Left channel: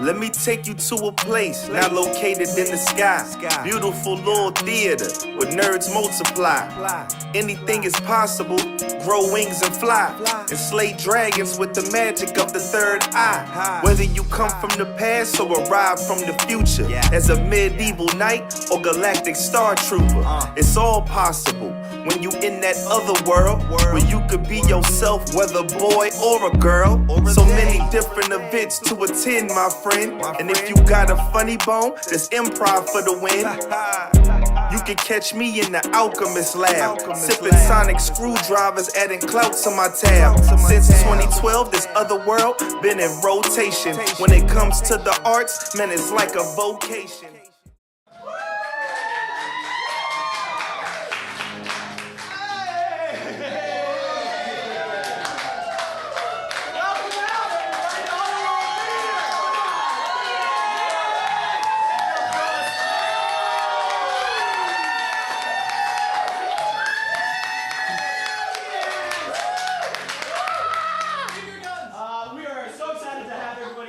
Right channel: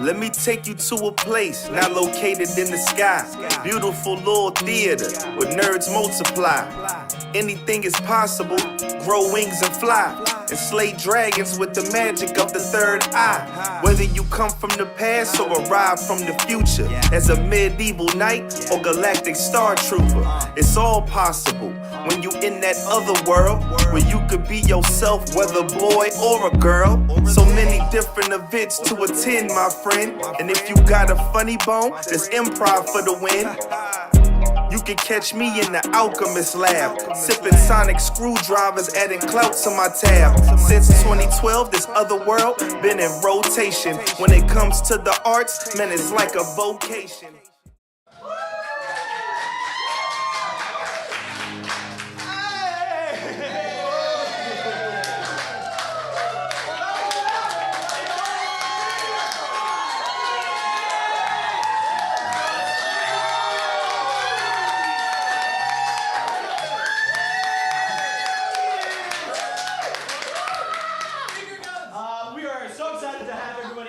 Let me take you to a place not located in the sky. Beautiful little theater where nerds multiply. Anything is possible, grow wings and fly. And slay dragons with the magic of the third eye. Whether you come from the past or arrive from the future, as a medieval knight or galactic star trooper, it's all possible when you in that other world where you could be yourself, whether boy or a girl. So many different events to attend, my friend. And if you got a funny bone, there's improv for the win. You can catch me in the alchemist lab, sipping sonic screwdrivers, adding clout to my tab. Since 2012, this Otherworld been in rotation. When it comes to the arts, man, it's like a vocation.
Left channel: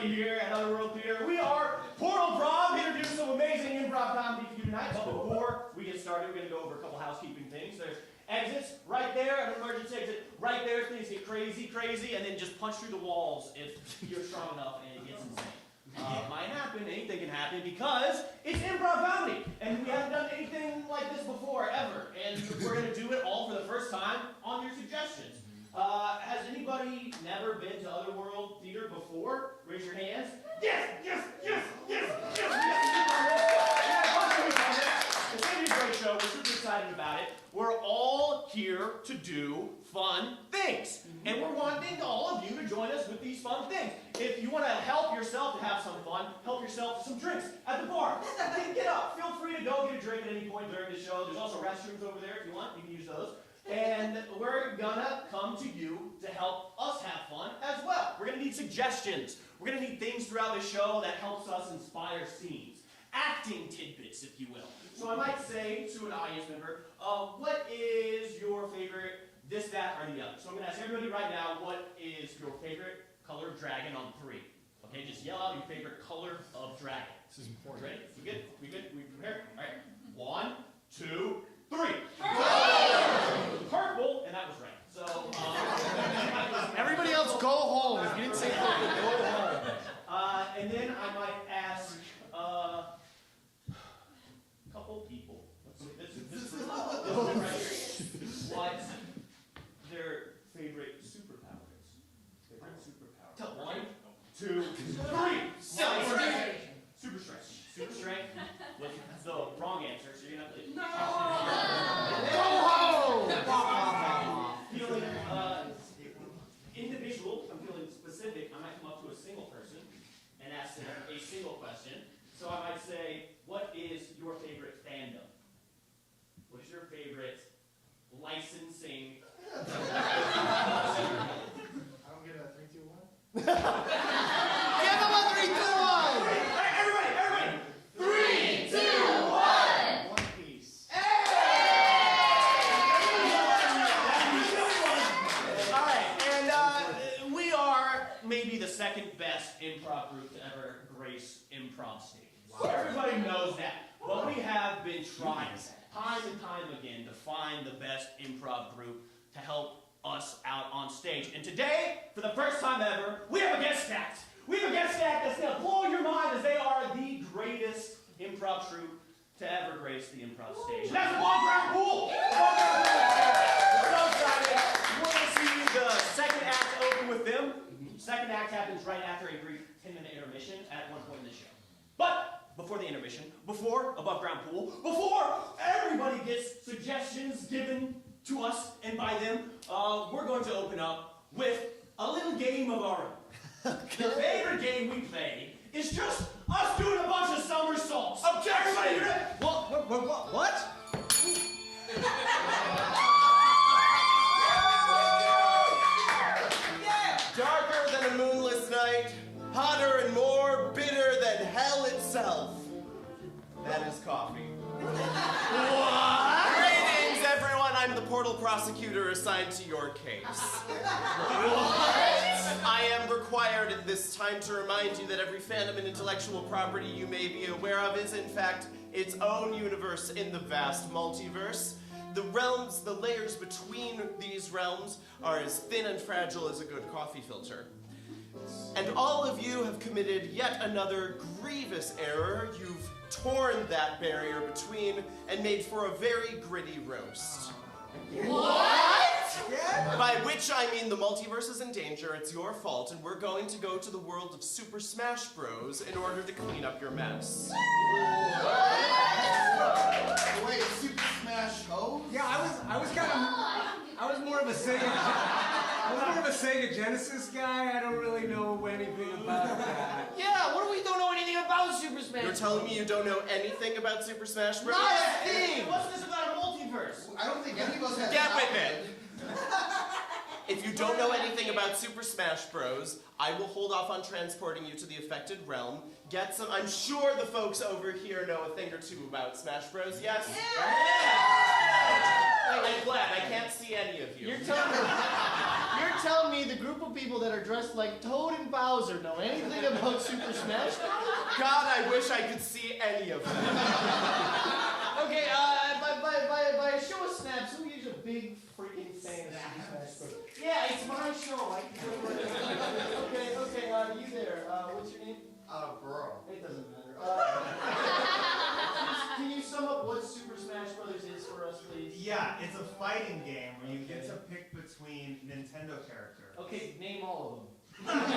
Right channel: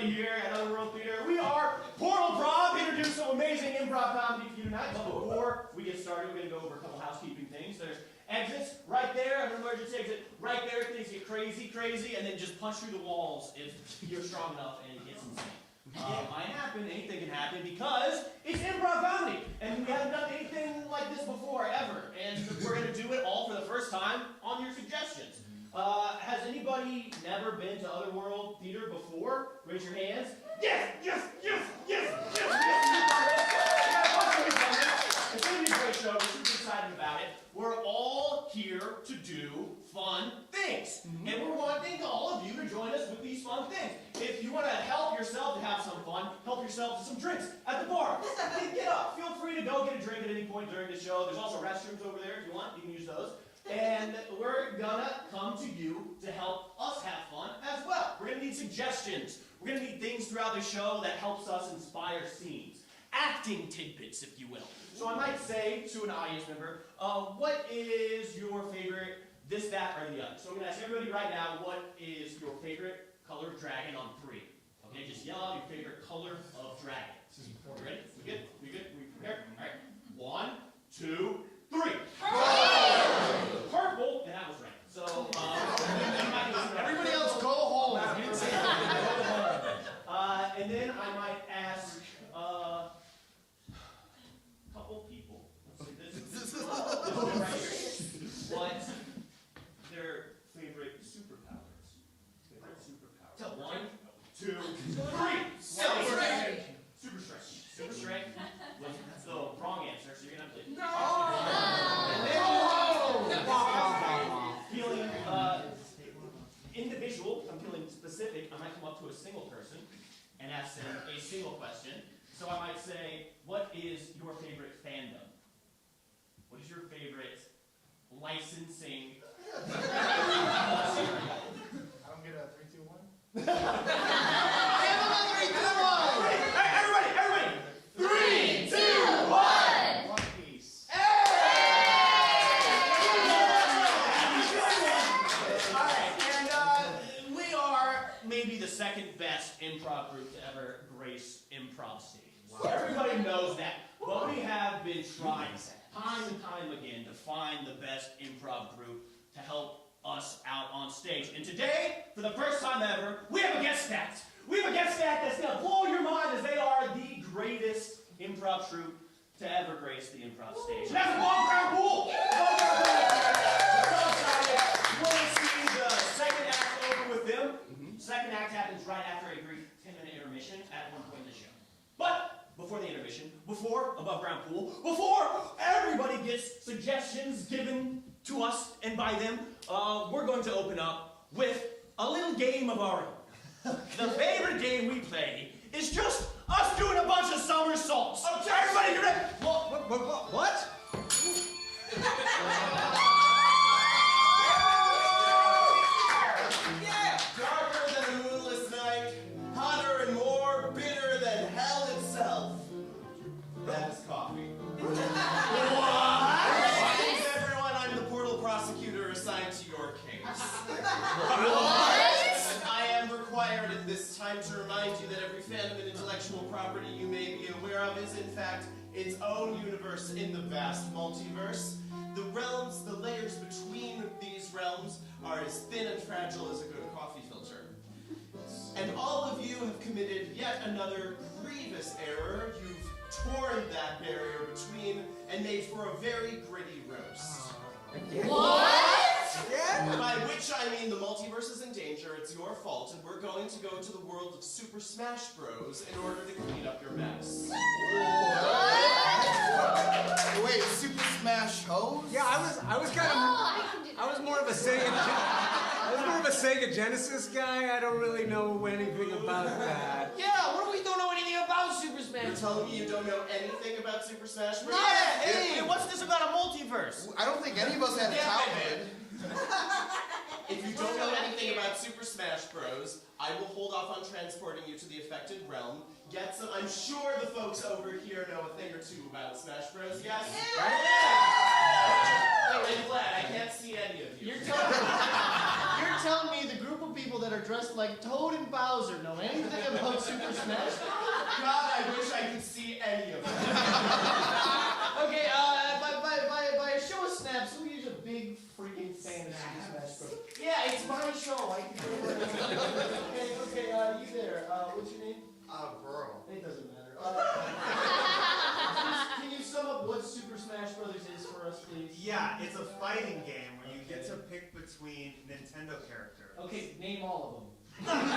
Here at Otherworld Theater. We are Portal-Prov, here to do some amazing improv comedy for you tonight. But before we get started, we're going to go over a couple housekeeping things. There's exits right there, an emergency exit right there. Things get crazy, and then just punch through the walls if you're strong enough and it gets insane. Might happen, anything can happen, because it's improv comedy, and we haven't done anything like this before, ever. And we're going to do it all for the first time on your suggestions. Has anybody never been to Otherworld Theater before? Raise your hands. Yes! It's going to be a great show. We're super excited about it. We're all here to do fun things. And we're wanting all of you to join us with these fun things. If you want to help yourself to have some fun, help yourself to some drinks at the bar. Get up. Feel free to go get a drink at any point during the show. There's also restrooms over there if you want. You can use those. And we're gonna come to you to help us have fun as well. We're gonna need suggestions. We're gonna need things throughout the show that helps us inspire scenes. Acting tidbits, if you will. So I might say to an audience member, what is your favorite this, that, or the other? So I'm gonna ask everybody right now, what is your favorite color of dragon on 3? Okay, just yell out your favorite color of dragon. This is important. Ready? We good? We prepared? All right. 1, 2, 3. Purple, and that was red. So, everybody else go home. If you didn't say something, go home. And then I might ask a couple people. Let's see, this is right here. What their favorite superpower is. Favorite superpower. 1, 2, 3. Super strength. Super strength. That's the wrong answer, so you're gonna have to. No! Feeling individual, I'm feeling specific, I might come up to a single person and ask them a single question. So I might say, what is your favorite fandom? What is your favorite licensing? I don't get a 3, 2, 1. Give them a 3, 2, 1! Hey, everybody! 3, 2, 1! One Piece. Maybe the second best improv group to ever grace improv stage. Wow. Everybody knows that. But we have been trying time and time again to find the best improv group to help us out on stage. And today, for the first time ever, we have a guest act. We have a guest act that's going to blow your mind, as they are the greatest improv troupe to ever grace the improv stage. And that's Above Ground Pool! Above Ground Pool! We're so excited. We're going to see the second act over with them. Second act happens right after a brief 10-minute intermission at one point in the show. But before the intermission, before Above Ground Pool, before everybody gets suggestions given to us and by them, we're going to open up with a little game of our own. The favorite game we play is just us doing a bunch of somersaults. Okay, everybody, you ready? What? Darker than a moonless night, hotter and more bitter than hell itself. That is coffee. What? Greetings, everyone. I'm the portal prosecutor assigned to your case. What? I am recording required at this time to remind you that every fandom and intellectual property you may be aware of is, in fact, its own universe in the vast multiverse. The realms, the layers between these realms are as thin and fragile as a good coffee filter. And all of you have committed yet another grievous error. You've torn that barrier between and made for a very gritty roast. What? By which I mean the multiverse is in danger, it's your fault, and we're going to go to the world of Super Smash Bros. In order to clean up your mess. Wait, Super Smash Bros? Yeah, I was more of a Sega Genesis guy. I don't really know anything about that. Yeah, what if we don't know anything about Super Smash? You're telling me you don't know anything about Super Smash Bros? Not a thing! What's this about a multiverse? I don't think any of us have Damn it, childhood. If you don't know anything about Super Smash Bros., I will hold off on transporting you to the affected realm. Get some. I'm sure the folks over here know a thing or two about Smash Bros. Yes? Yeah! I'm glad. I can't see any of you. You're telling me the group of people that are dressed like Toad and Bowser know anything about Super Smash? God, I wish I could see any of them. Okay, by a show of snaps, who is a big freaking fan of Super Smash Bros? Yeah, it's my show. I can do it. Okay, you there. What's your name? Burrow. It doesn't matter. Can you sum up what Super Smash Bros. Is for us, please? Yeah, it's a fighting game where you get to pick between Nintendo characters. Okay, name all of them. There's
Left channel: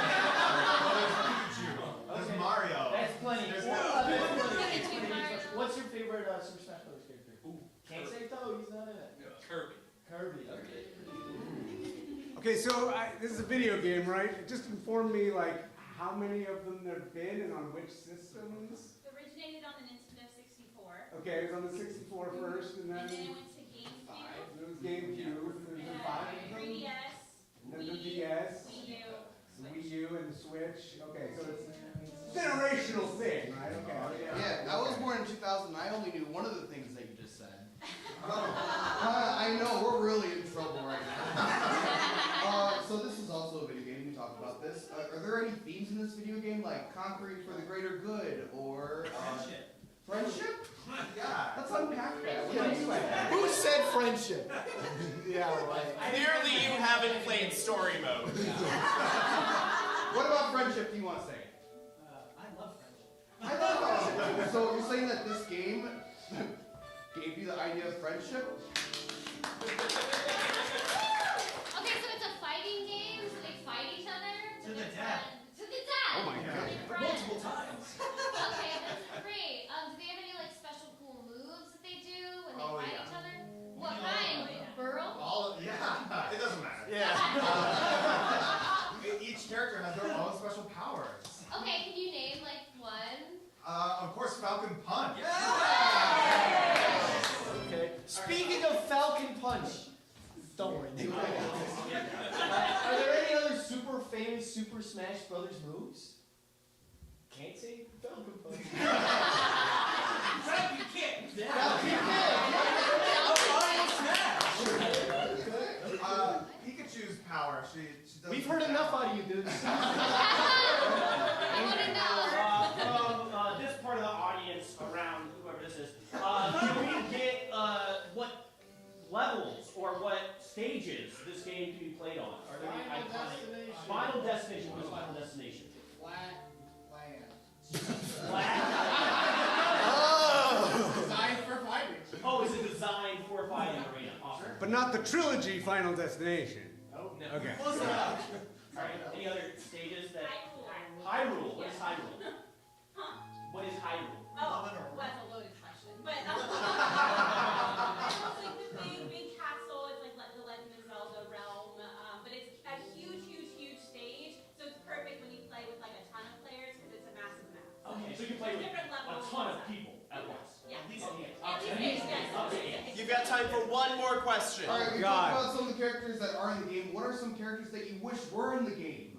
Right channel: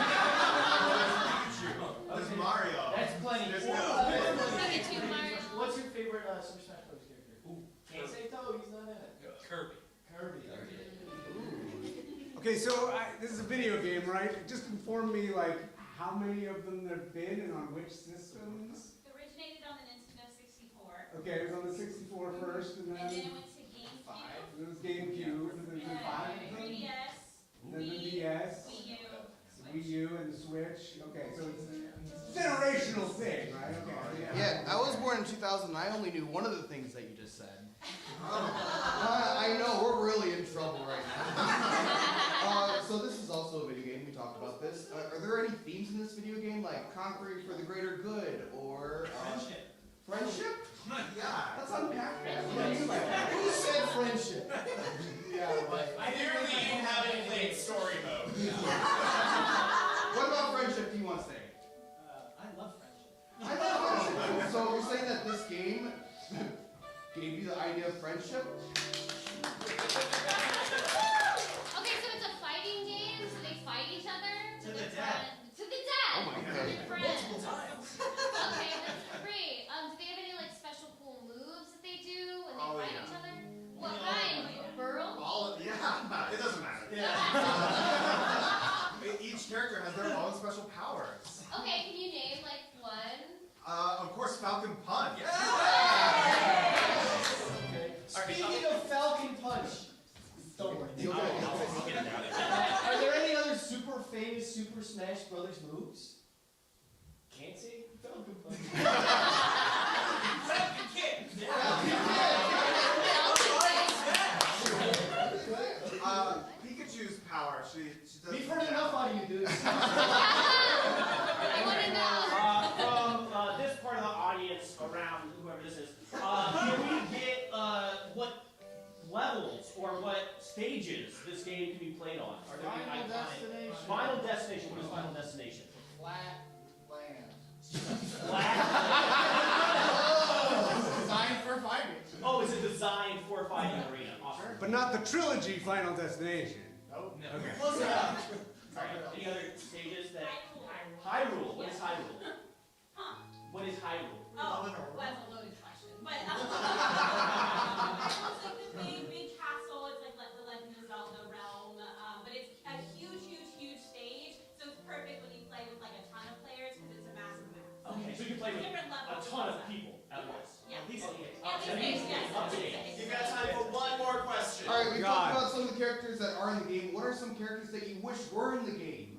Pikachu. There's Okay. Mario. That's plenty. There's What's your favorite Super Smash Bros. character? Can't say Toad, he's not in it. Kirby. Okay, so this is a video game, right? Just inform me, like, how many of them there've been and on which systems? It originated on the Nintendo 64. Okay, it was on the 64 first, and then And then it it went to GameCube. was GameCube, and then the 5 of them, 3DS. and then the DS, Wii U. the Wii U, and the Switch. Okay, so it's a generational thing, right? Okay. Yeah, I was born in 2000 and I only knew one of the things that you just said. I know, we're really in trouble right now. So this is also a video game, we talked about this. Are there any themes in this video game, like conquering for the greater good, or... Friendship. Friendship? Yeah. Let's unpack that. What do you mean by that? Who said friendship? Yeah, right. Clearly you haven't played story mode. What about friendship do you want to say? I love friendship. I love friendship. So you're saying that this game gave you the idea of friendship? Okay, so it's a fighting game, so they fight each other. To the death. To the death. Oh my God. They're friends. Multiple times. Okay, that's great. Do they have any like special cool moves that they do when they fight each other? What kind? Burl? Yeah. It doesn't matter. Each character has their own special powers. Okay, can you name like one? Of course, Falcon Punch. Okay. Speaking of Falcon Punch, don't worry. Are there any other super famous Super Smash Brothers moves? Can't say Falcon Punch. Falcon Kick! Falcon Kick! Pikachu's power. She does. We've heard enough out of you, dudes. I want to know. From this part of the audience, around whoever this is, can we get what levels or what stages this game can be played on? Are there any Final iconic? Destination. Final Destination. What's Final Destination? Flat land. Black. Designed for fighting. Oh, is it designed for a fighting arena? Awesome. But not the trilogy Final Destination. Oh, no. Okay. Close enough. All right. Any other stages that? Hyrule. What is Hyrule? What is Hyrule? Oh, well, that's a loaded question. But it's like the big castle. It's like the Legend of Zelda realm. But it's a huge stage. So it's perfect when you play with like a ton of players because it's a massive map. Okay, so you can play with Different a levels. ton of people at once. Yeah. At least eight. At least eight, yes. Up to eight. You've got time for one more question. Alright, we God. talked about some of the characters that are in the game. What are some characters that you wish were in the game?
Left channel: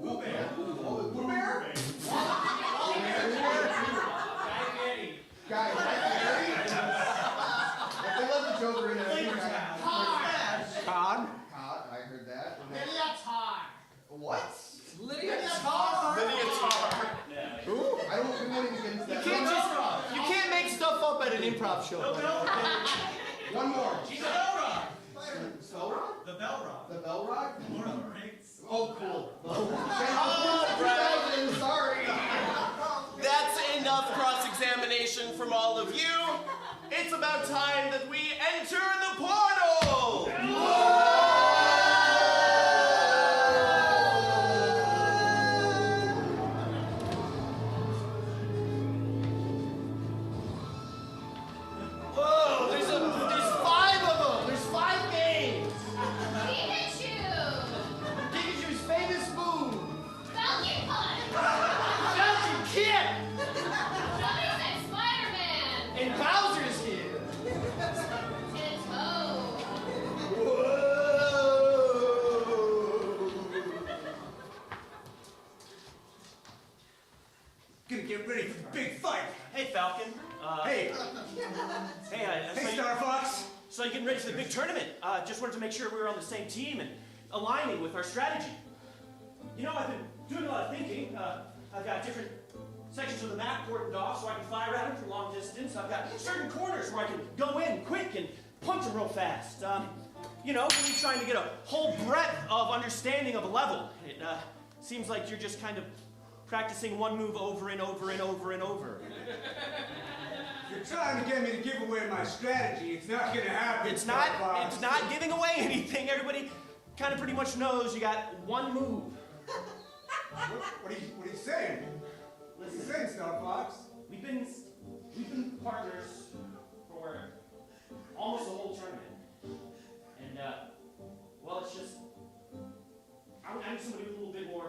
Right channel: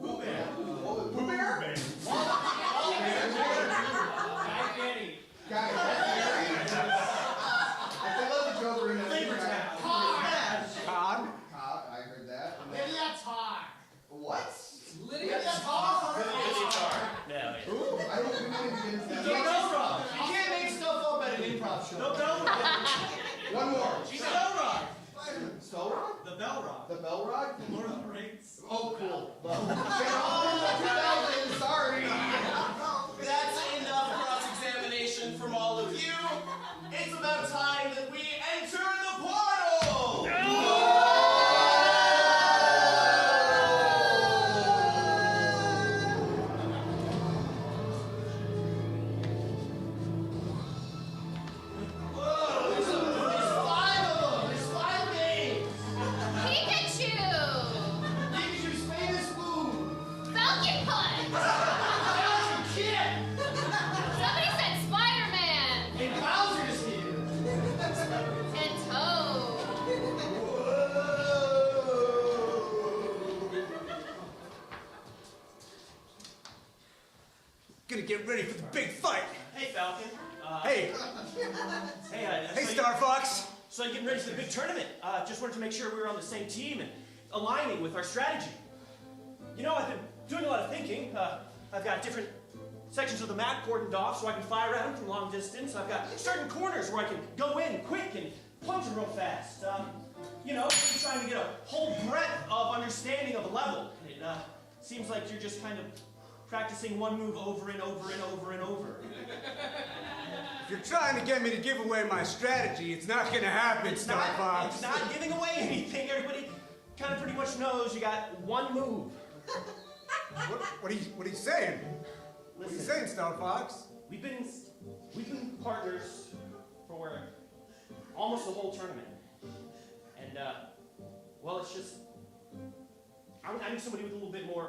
Pooh Bear. Pooh Bear? Guys, that's Gary. If they let the Joker in, I think Cod? I heard that. And then- Maybe that's hard. What? show. No. One more. She's a bell rock. So rock? The bell rock. The bell rock? Lord of the Rings. Oh, cool. Sorry. That's enough cross-examination from all of you. It's about time that we enter the portal! Whoa, there's 5 of them. There's 5 games. Pikachu! Pikachu's famous move. Falcon Punch! Falcon Kid. Somebody said Spider-Man! And Bowser's here. And Toad. Gonna get ready for the big fight. Hey, Falcon. Hey, Hey, I hey, saw you- Star Fox. So you're getting ready for the big tournament. Just wanted to make sure we were on the same team and aligning with our strategy. You know, I've been doing a lot of thinking. I've got different sections of the map cordoned off so I can fly around from long distance. I've got certain corners where I can go in quick and punch them real fast. You know, really trying to get a whole breadth of understanding of a level. It seems like you're just kind of practicing one move over and over and over and over. If you're trying to get me to give away my strategy, it's not gonna happen, It's Star Fox. not giving away anything. Everybody kind of pretty much knows you got one move. What are you saying? What are you saying, Star Fox? We've been partners for almost the whole tournament, and well, it's just I need somebody with a little bit more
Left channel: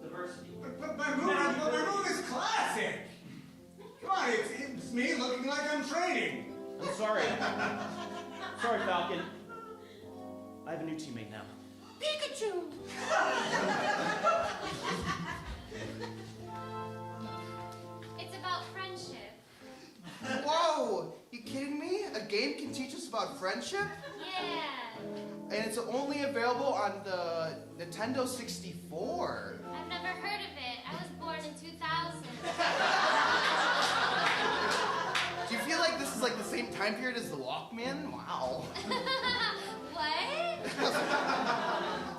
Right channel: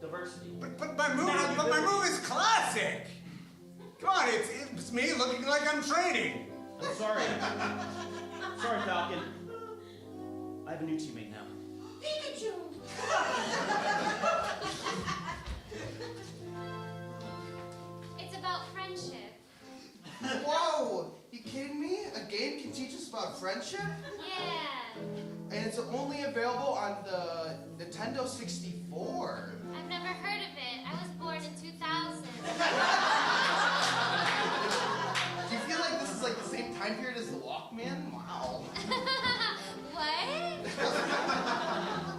diversity. But my move is classic. Come on, it's me looking like I'm training. I'm sorry. Sorry, Falcon. I have a new teammate now. Pikachu! It's about friendship. Whoa! You kidding me? A game can teach us about friendship? Yeah. And it's only available on the Nintendo 64. I've never heard of it. I was born in 2000. Do you feel like this is like the same time period as the Walkman? Wow. What?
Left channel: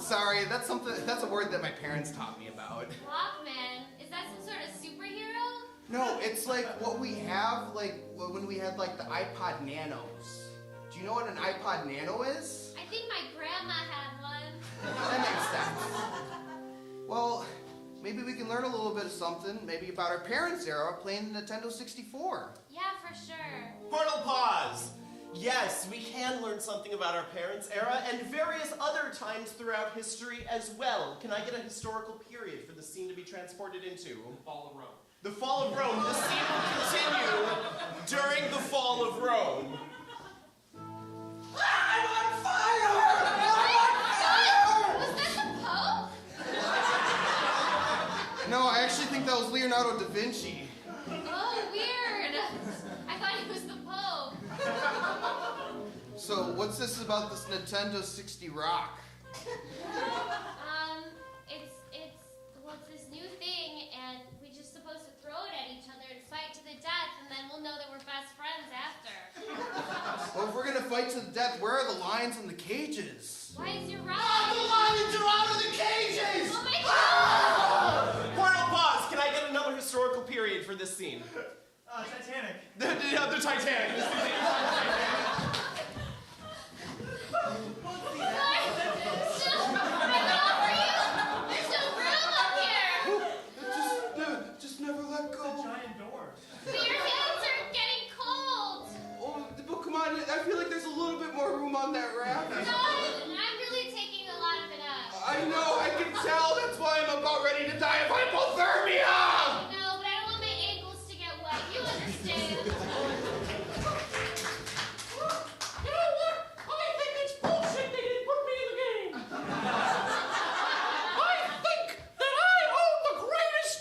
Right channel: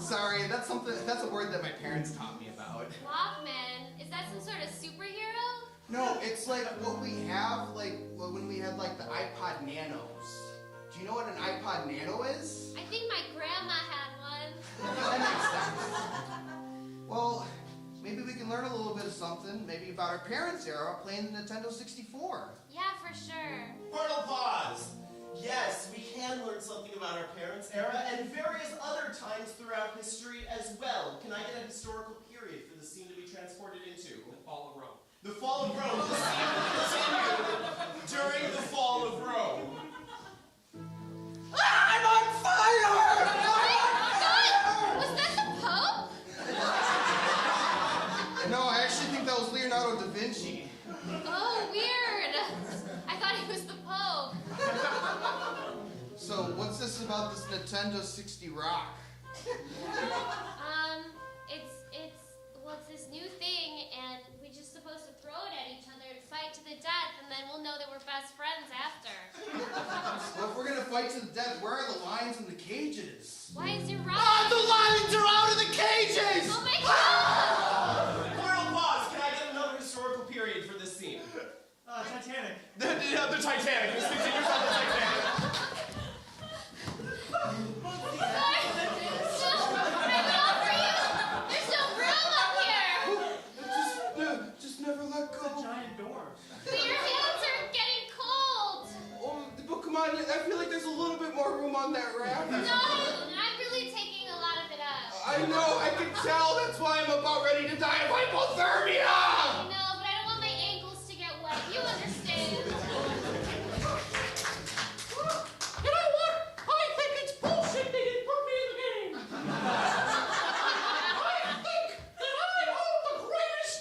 Sorry, that's a word that my parents taught me about. Walkman? Is that some sort of superhero? No, it's like what we have like when we had like the iPod Nanos. Do you know what an iPod Nano is? I think my grandma had one. That makes sense. Well, maybe we can learn a little bit of something, maybe about our parents' era playing the Nintendo 64. Yeah, for sure. Portal pause. Yes, we can learn something about our parents' era and various other times throughout history as well. Can I get a historical period for the scene to be transported into? The fall of Rome. The fall of Rome. The scene will continue during the fall of Rome. I'm on fire! Was that the Pope? No, I actually think that was Leonardo da Vinci. Oh, weird. I thought he was the Pope. So, what's this about this Nintendo 60 Rock? It's this new thing, and we're just supposed to throw it at each other and fight to the death, and then we'll know that we're best friends after. Well, if we're gonna fight to the death, where are the lions and the cages? Why is your rock? Ah, the lions are out of the cages! Oh my God! Portal pause. Can I get another historical period for this scene? Titanic. The Titanic. Let's continue on the Titanic. There's no room up here! Just never let go. Giant doors. But your hands are getting cold! Oh, but come on, I feel like there's a little bit more room on that raft. No, I'm really taking a lot of it up. I know, I can tell. That's why I'm about ready to die of hypothermia! I know, but I don't want my ankles to get wet. You understand. You know what? I think it's bullshit they didn't put me in the game. I think that I own the greatest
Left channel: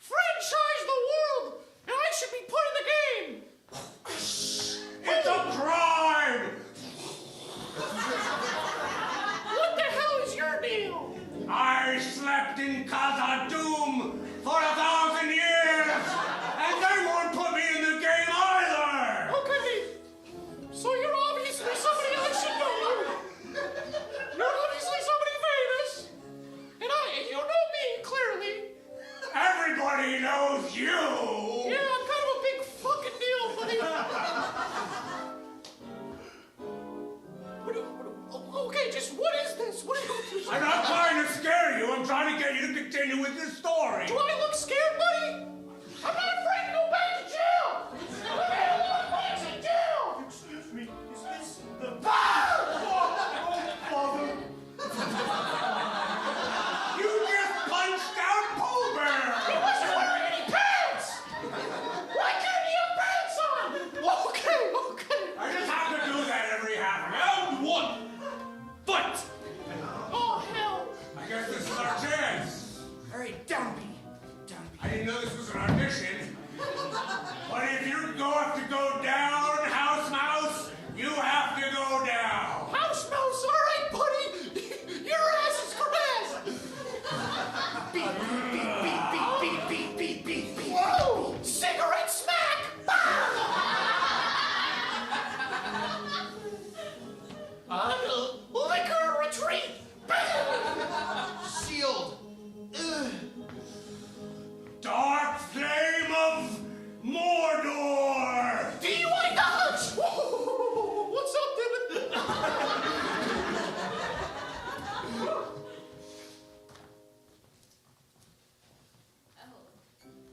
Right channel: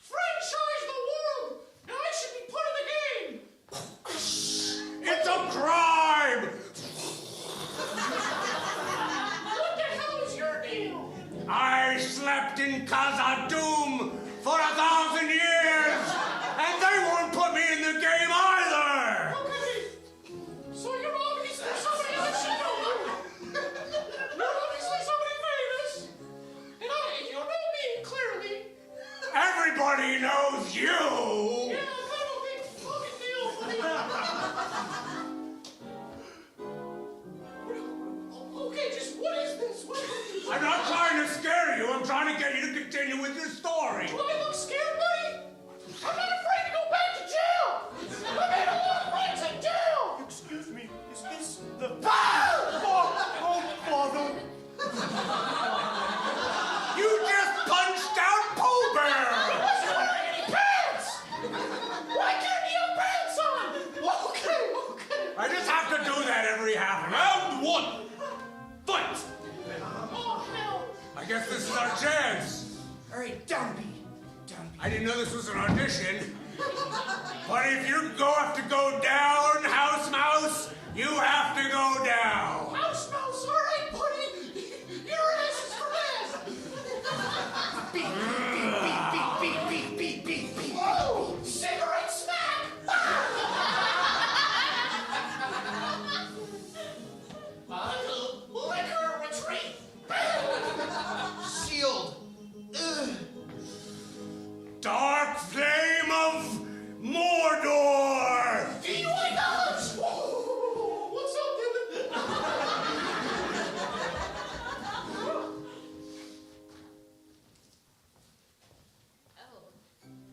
franchise in the world, and I should be put in the game. It's a crime! What the hell is your deal? I slept in Khazad-dûm for 1,000 years, and they won't put me in the game either! Okay, Everybody knows you! Yeah, I'm kind of a big fucking deal, buddy. Okay, just what is this? I'm not trying to scare you. I'm trying to get you to continue with your story. Do I look scared, buddy? I'm not afraid to go back to jail. I made a lot of friends in jail. Excuse me, is this the... You just punched out Pooh Bear! He wasn't wearing any pants! Why didn't he have pants on? Okay. I just have to do that every half. Round one. Fight! Oh, hell. I guess this is our chance. All right, down me. I didn't know this was an audition. But if you have to go down, House Mouse, you have to go down. House Mouse, all right, buddy. Your ass is harassed. Beep. Whoa! Cigarette smack! Liquor retreat! Sealed. Ugh. Dark flame of Mordor! Do you like the hunch? What's up, Dylan?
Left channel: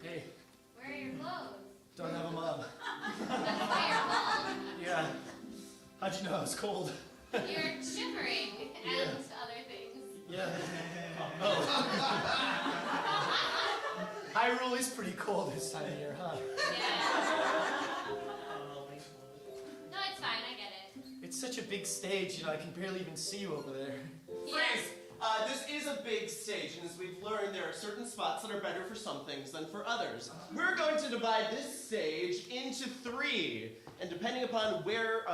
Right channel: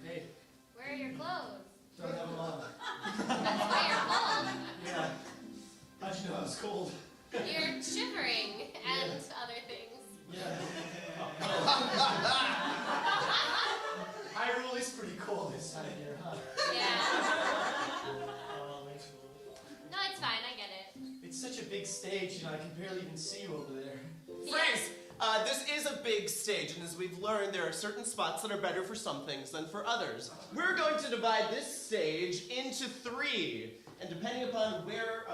Hey, Where are your clothes? don't have them on. That's why you're cold. Yeah. How'd you know I was cold? You're shivering and other things. Yeah. Hyrule is pretty cold this time of year, huh? Yeah. No, it's fine. I get it. It's such a big stage, I can barely even see you over there. Friends, this is a big stage, and as we've learned, there are certain spots that are better for some things than for others. We're going to divide this stage into 3, and depending upon where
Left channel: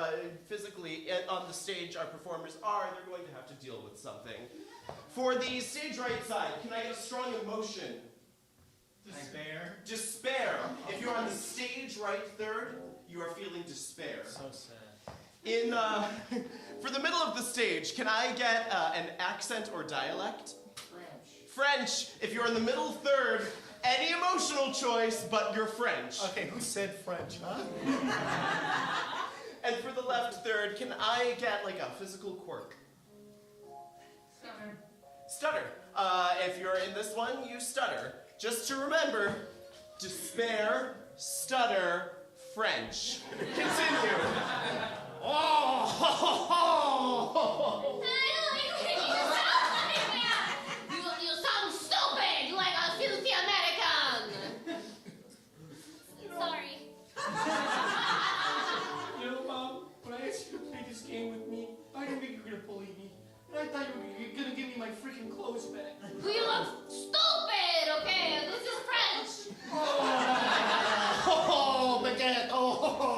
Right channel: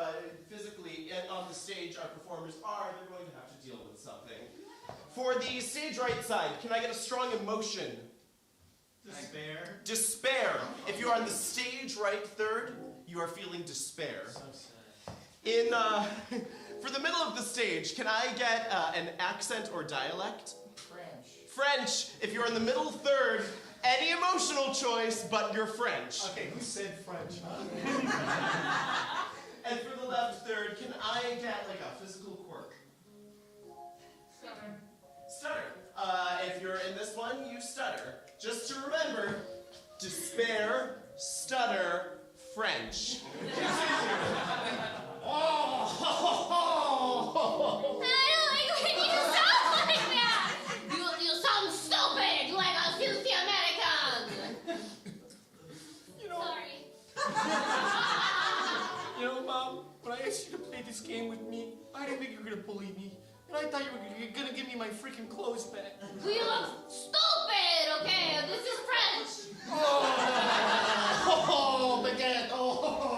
physically on the stage our performers are, they're going to have to deal with something. For the stage right side, can I get a strong emotion? Despair. If you are on the stage right third, you are feeling despair. So sad. For the middle of the stage, can I get an accent or dialect? French. If you're in the middle third, any emotional choice, but you're French. Okay, who said French, huh? And for the left third, can I get like a physical quirk? Stutter. If you're in this one, you stutter. Just to remember, despair, stutter, French. Continue. I don't think you sound like that. You sound stupid, like a filthy American. Sorry. You know, Mom, when I asked you to play this game with me, I didn't think you were gonna bully me. And I thought you were gonna give me my freaking clothes back. Well, you look stupid, okay? This is French. Oh, baguette, oh.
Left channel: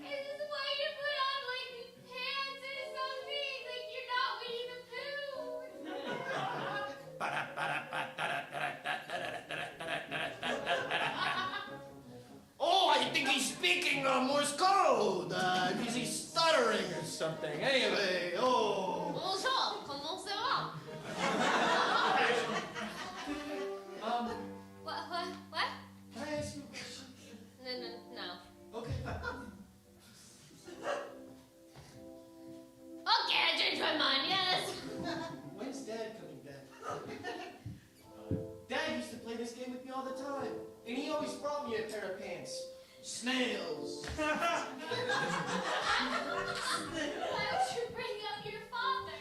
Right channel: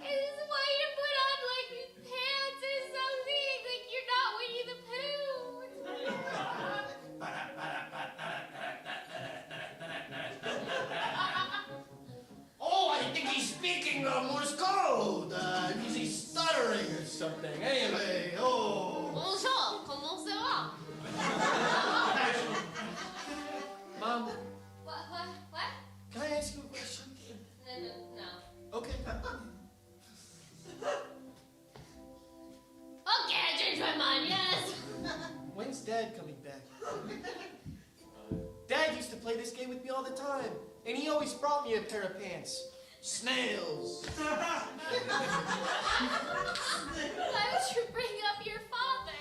This is why you put on, like, pants or something. Like, you're not Winnie the Pooh. Oh, I think he's speaking Morse code. He's stuttering or something. Anyway, oh. Bonjour, comment ça va? Mom, What? can I ask you a question? No. Okay. Okay, I changed my mind, yes. When's Dad coming back? Dad used to play this game with me all the time, and he always brought me a pair of pants. Snails. Why would you bring up your father?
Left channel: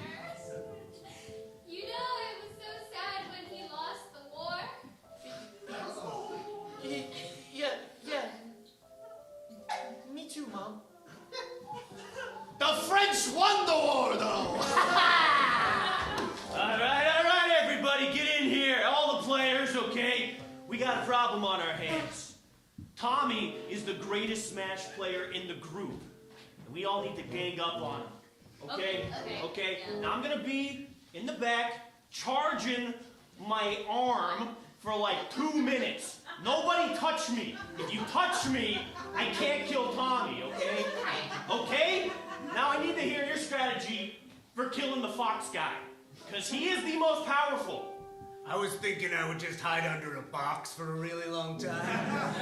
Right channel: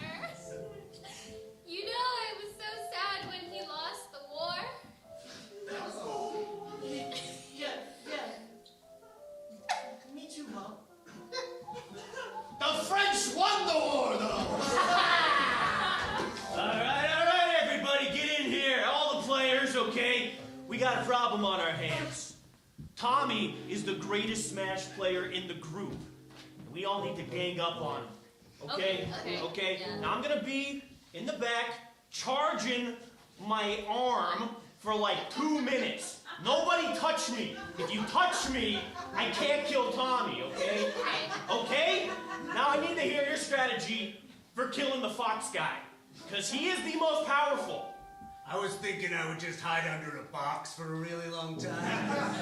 You know, I was so sad when he lost the war. Yeah. Me too, Mom. The French won the war, though. All right, everybody, get in here. All the players, okay? We got a problem on our hands. Tommy is the greatest Smash player in the group. And we all need to gang up on him. Okay? Okay. Yeah. Now I'm gonna be in the back charging my arm for like 2 minutes. Nobody touch me. If you touch me, I can't kill Tommy, okay? Okay? Now I need to hear your strategy for killing the fox guy. Because he is the most powerful. I was thinking I would just hide under a box for a really long time.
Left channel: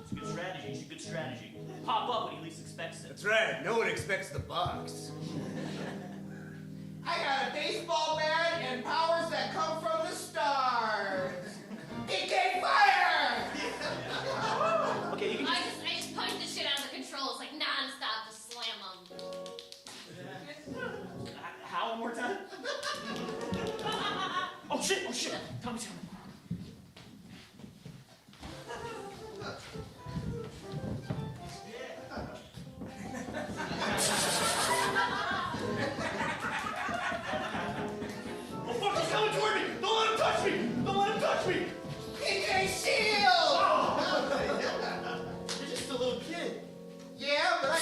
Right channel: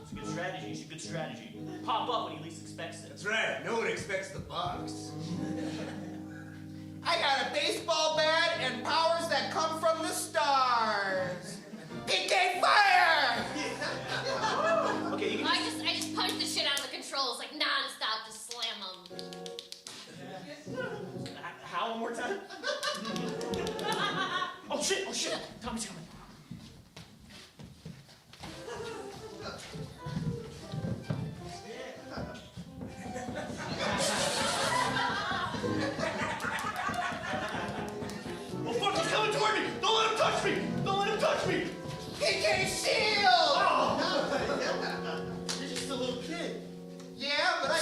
It's a good strategy. It's a good strategy. Pop up when he least expects it. That's right. No one expects the box. I got a baseball bat and powers that come from the stars. PK fire! Okay, you I just punch the shit out of the controls like non-stop, just slam them. How one more time? Oh shit! Tommy's coming. Oh fuck, he's coming toward me! Don't let him touch me! Don't let him touch me! PK shield! Oh. You're just a little kid. Yeah, but I...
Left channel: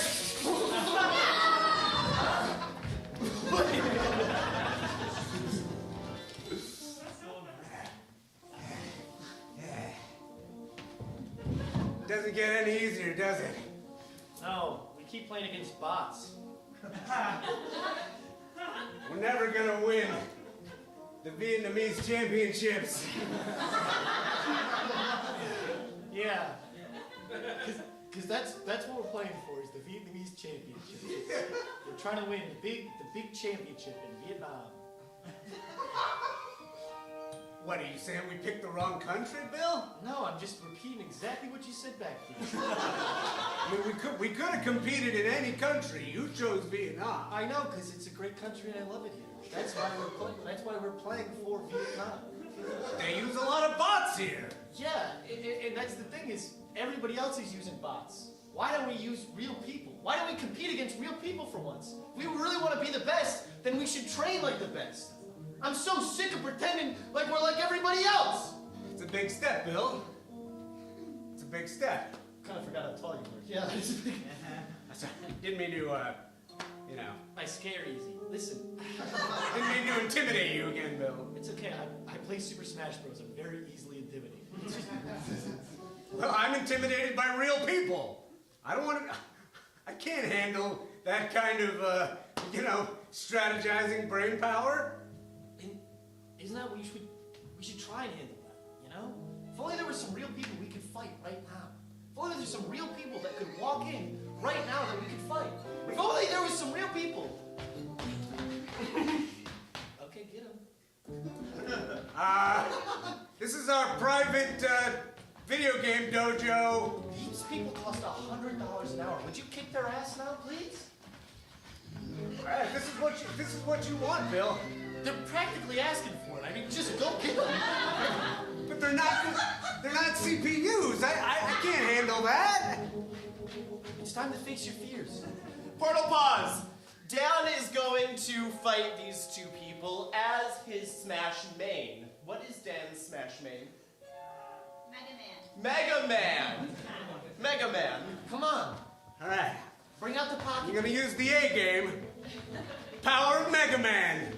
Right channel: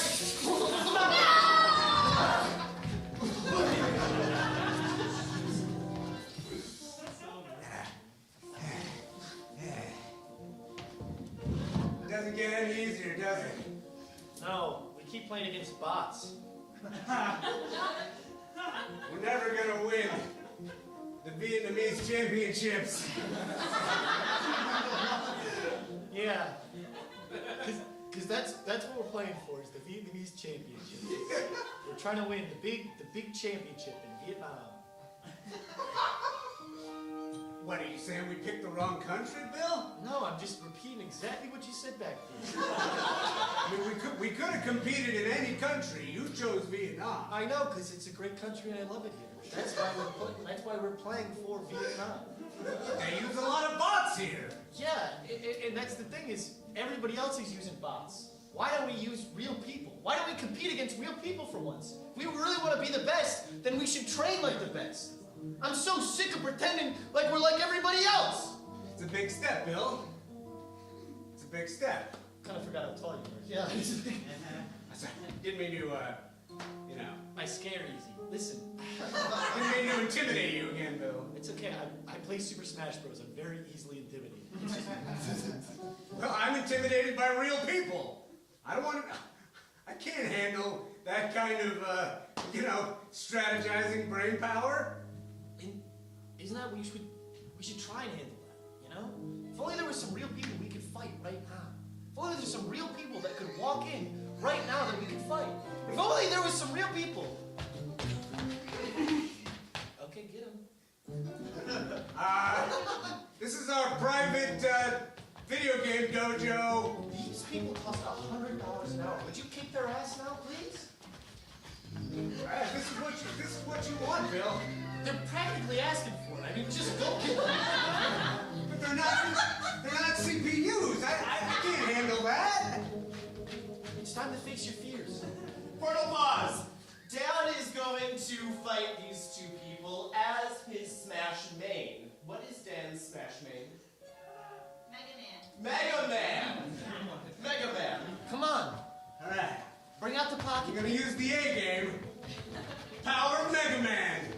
Doesn't get any easier, does it? No, we keep playing against bots. We're never gonna win the Vietnamese championships. Yeah. Because that's what we're playing for, is the Vietnamese championship. We're trying to win the big championship in Vietnam. What, are you saying we picked the wrong country, Bill? No, I'm just repeating exactly what you said back there. I mean, we could have competed in any country. You chose Vietnam. I know, because it's a great country and I love it here. That's why we're playing for Vietnam. They use a lot of bots here. Yeah, and that's the thing is, everybody else is using bots. Why don't we use real people? Why don't we compete against real people for once? If we really want to be the best, then we should train like the best. I'm so sick of pretending like we're like everybody else. It's a big step, Bill. It's a big step. Kind of forgot how tall you were. Yeah, it's a big... Didn't mean to, you know. I scare easy. Listen. Didn't mean to intimidate you again, Bill. It's okay. I play Super Smash Bros. I'm very easily intimidated. Well, I'm intimidated by real people. I don't want to... I can't handle that kind of, you know, strategizing brain power. Isn't that what we should try and handle that, you know? If only there were some real people we could fight right now. If only there were some real people that could walk in right now that we could fight. If only there was some real people. Okay, get him. This is our private, video game dojo. These people cost $100 an hour. Would you kick their ass now, please? This is what you want, Bill. They're practically asking for it. I mean, just go get them. But they're not CPUs. I can't handle that. It's time to face your fears. Portal pause. Dan is going to fight these two people as his Smash main. What is Dan's Smash main? Mega Man. Mega Man. Come on. All right. Bring out the pocket. You're gonna use the A game. Power of Mega Man.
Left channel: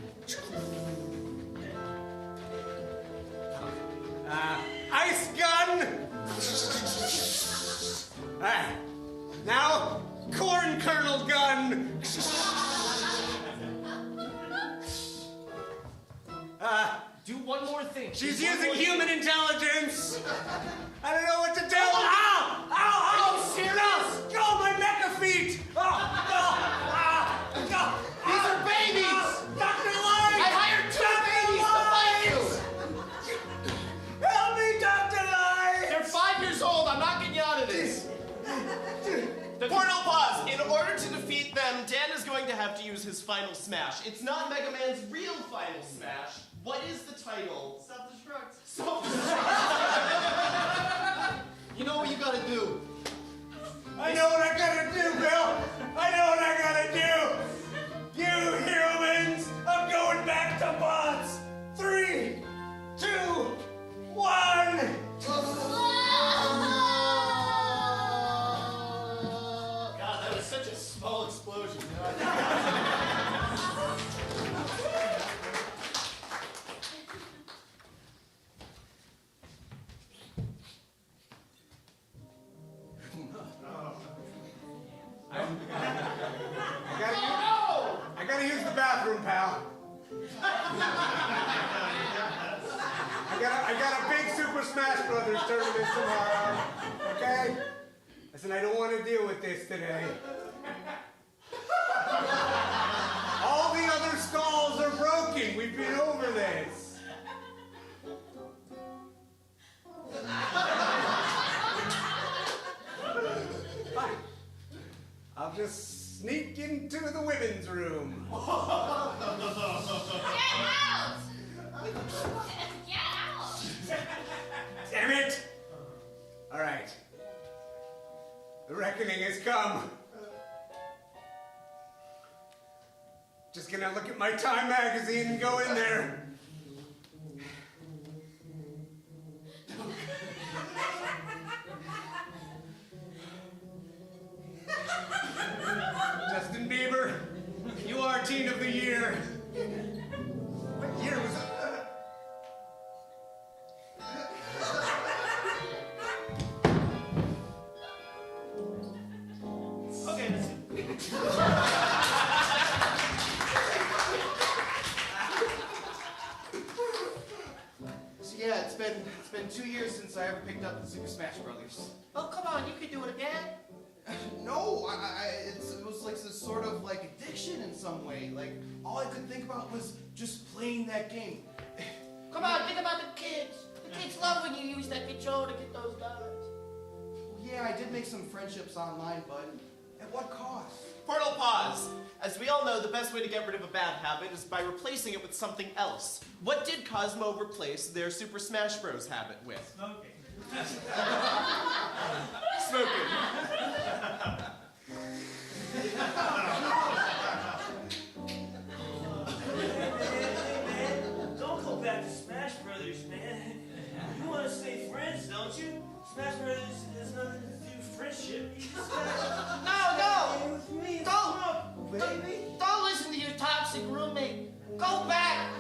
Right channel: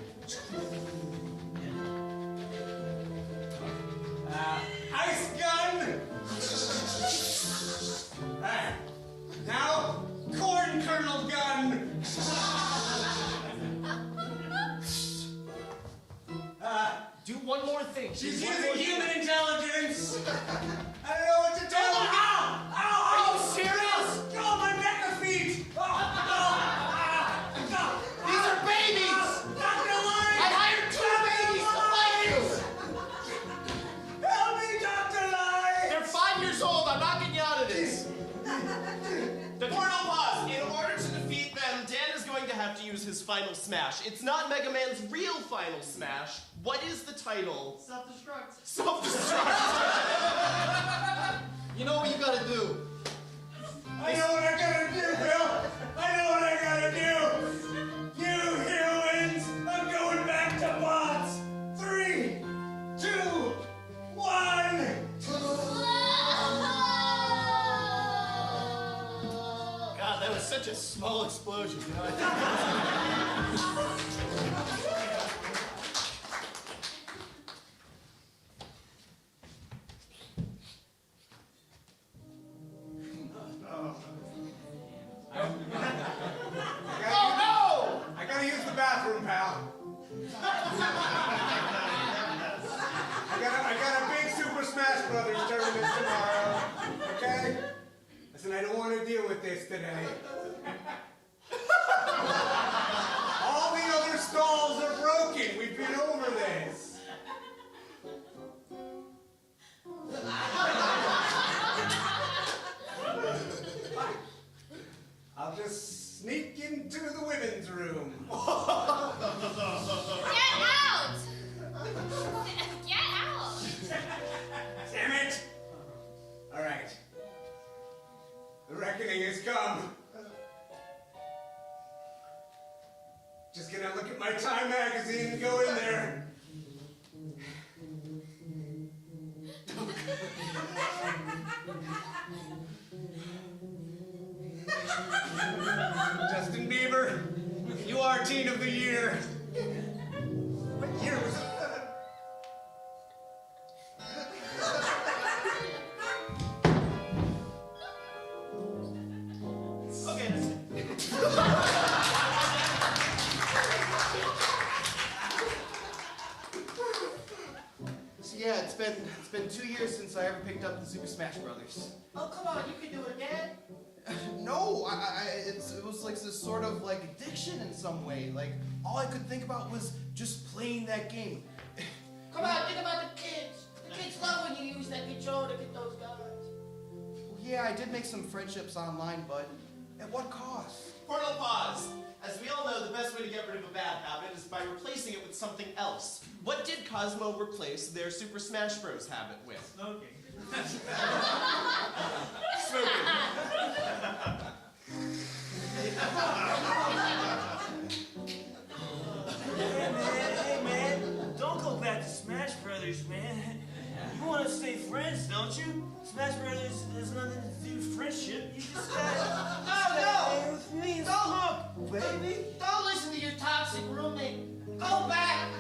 Ice gun. All right. Now, corn kernel gun. Do one more thing. She's using human intelligence. I don't know what to do. Ow! Ow! Are you serious? Oh, my mecha feet! These are babies! Dr. Light! I hired 2 babies to fight you! Help me, Dr. Light! They're 5 years old. I'm not getting you out of this. Portal pause. In order to defeat them, Dan is going to have to use his final smash. It's not Mega Man's real final smash. What is the title? Self-destruct. Self-destruct. You know what you gotta do. I know what I gotta do, Bill! I know what I gotta do! You humans! I'm going back to bots! 3, 2, 1! God, that was such a small explosion. I got a big Super Smash Brothers tournament tomorrow, okay? Listen, I don't want to deal with this today. All the other stalls are broken. We've been over this. Fine. I'll just sneak into the women's room. Get out! Get out! Damn it! All right. The reckoning has come. Just gonna look at my Time magazine and go in there. Justin Bieber, you are Teen of the Year. What year was it? Okay, that's it. So yeah, it's been 2 years since I ever picked up the Super Smash Brothers. Oh, come on, you can do it again. No, it was like this sort of like addiction in some way. Like all I could think about was just playing that game. Come on, think about the kids. The kids love when you use that controller to get those guys. Yeah, I did make some friendships online, but at what cost? Portal pause. As we all know, the best way to get rid of a bad habit is by replacing it with something else. What did Cosmo replace their Super Smash Bros. Habit with? Smoking. Smoking. Hey man, don't go back to Smash Brothers, man. You want to stay friends, don't you? Smash Brothers has nothing to do with friendship. You just gotta stay with me. Don't listen to your toxic roommate. Go back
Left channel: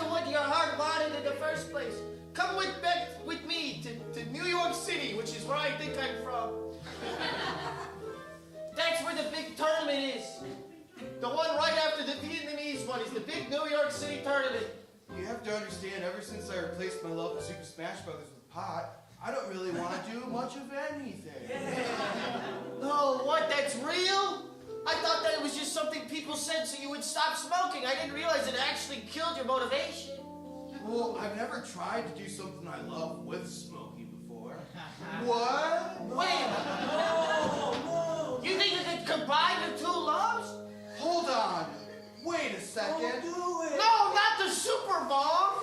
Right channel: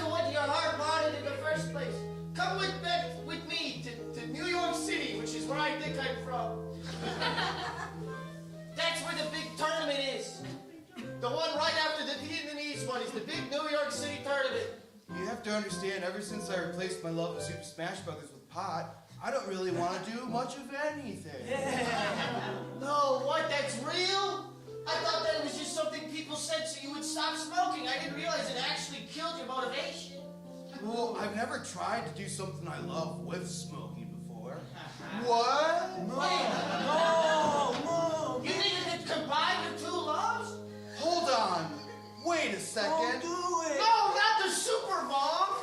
to what your heart wanted in the first place. Come back with me to New York City, which is where I think I'm from. That's where the big tournament is. The one right after the Vietnamese one is the big New York City tournament. You have to understand, ever since I replaced my love of Super Smash Brothers with pot, I don't really want to do much of anything. No, what? That's real? I thought that it was just something people said so you would stop smoking. I didn't realize it actually killed your motivation. Well, I've never tried to do something I love with smoking before. What? Wait, no. You think you could combine your two loves? Hold on. Wait a second. Don't do it. No, not the super bomb.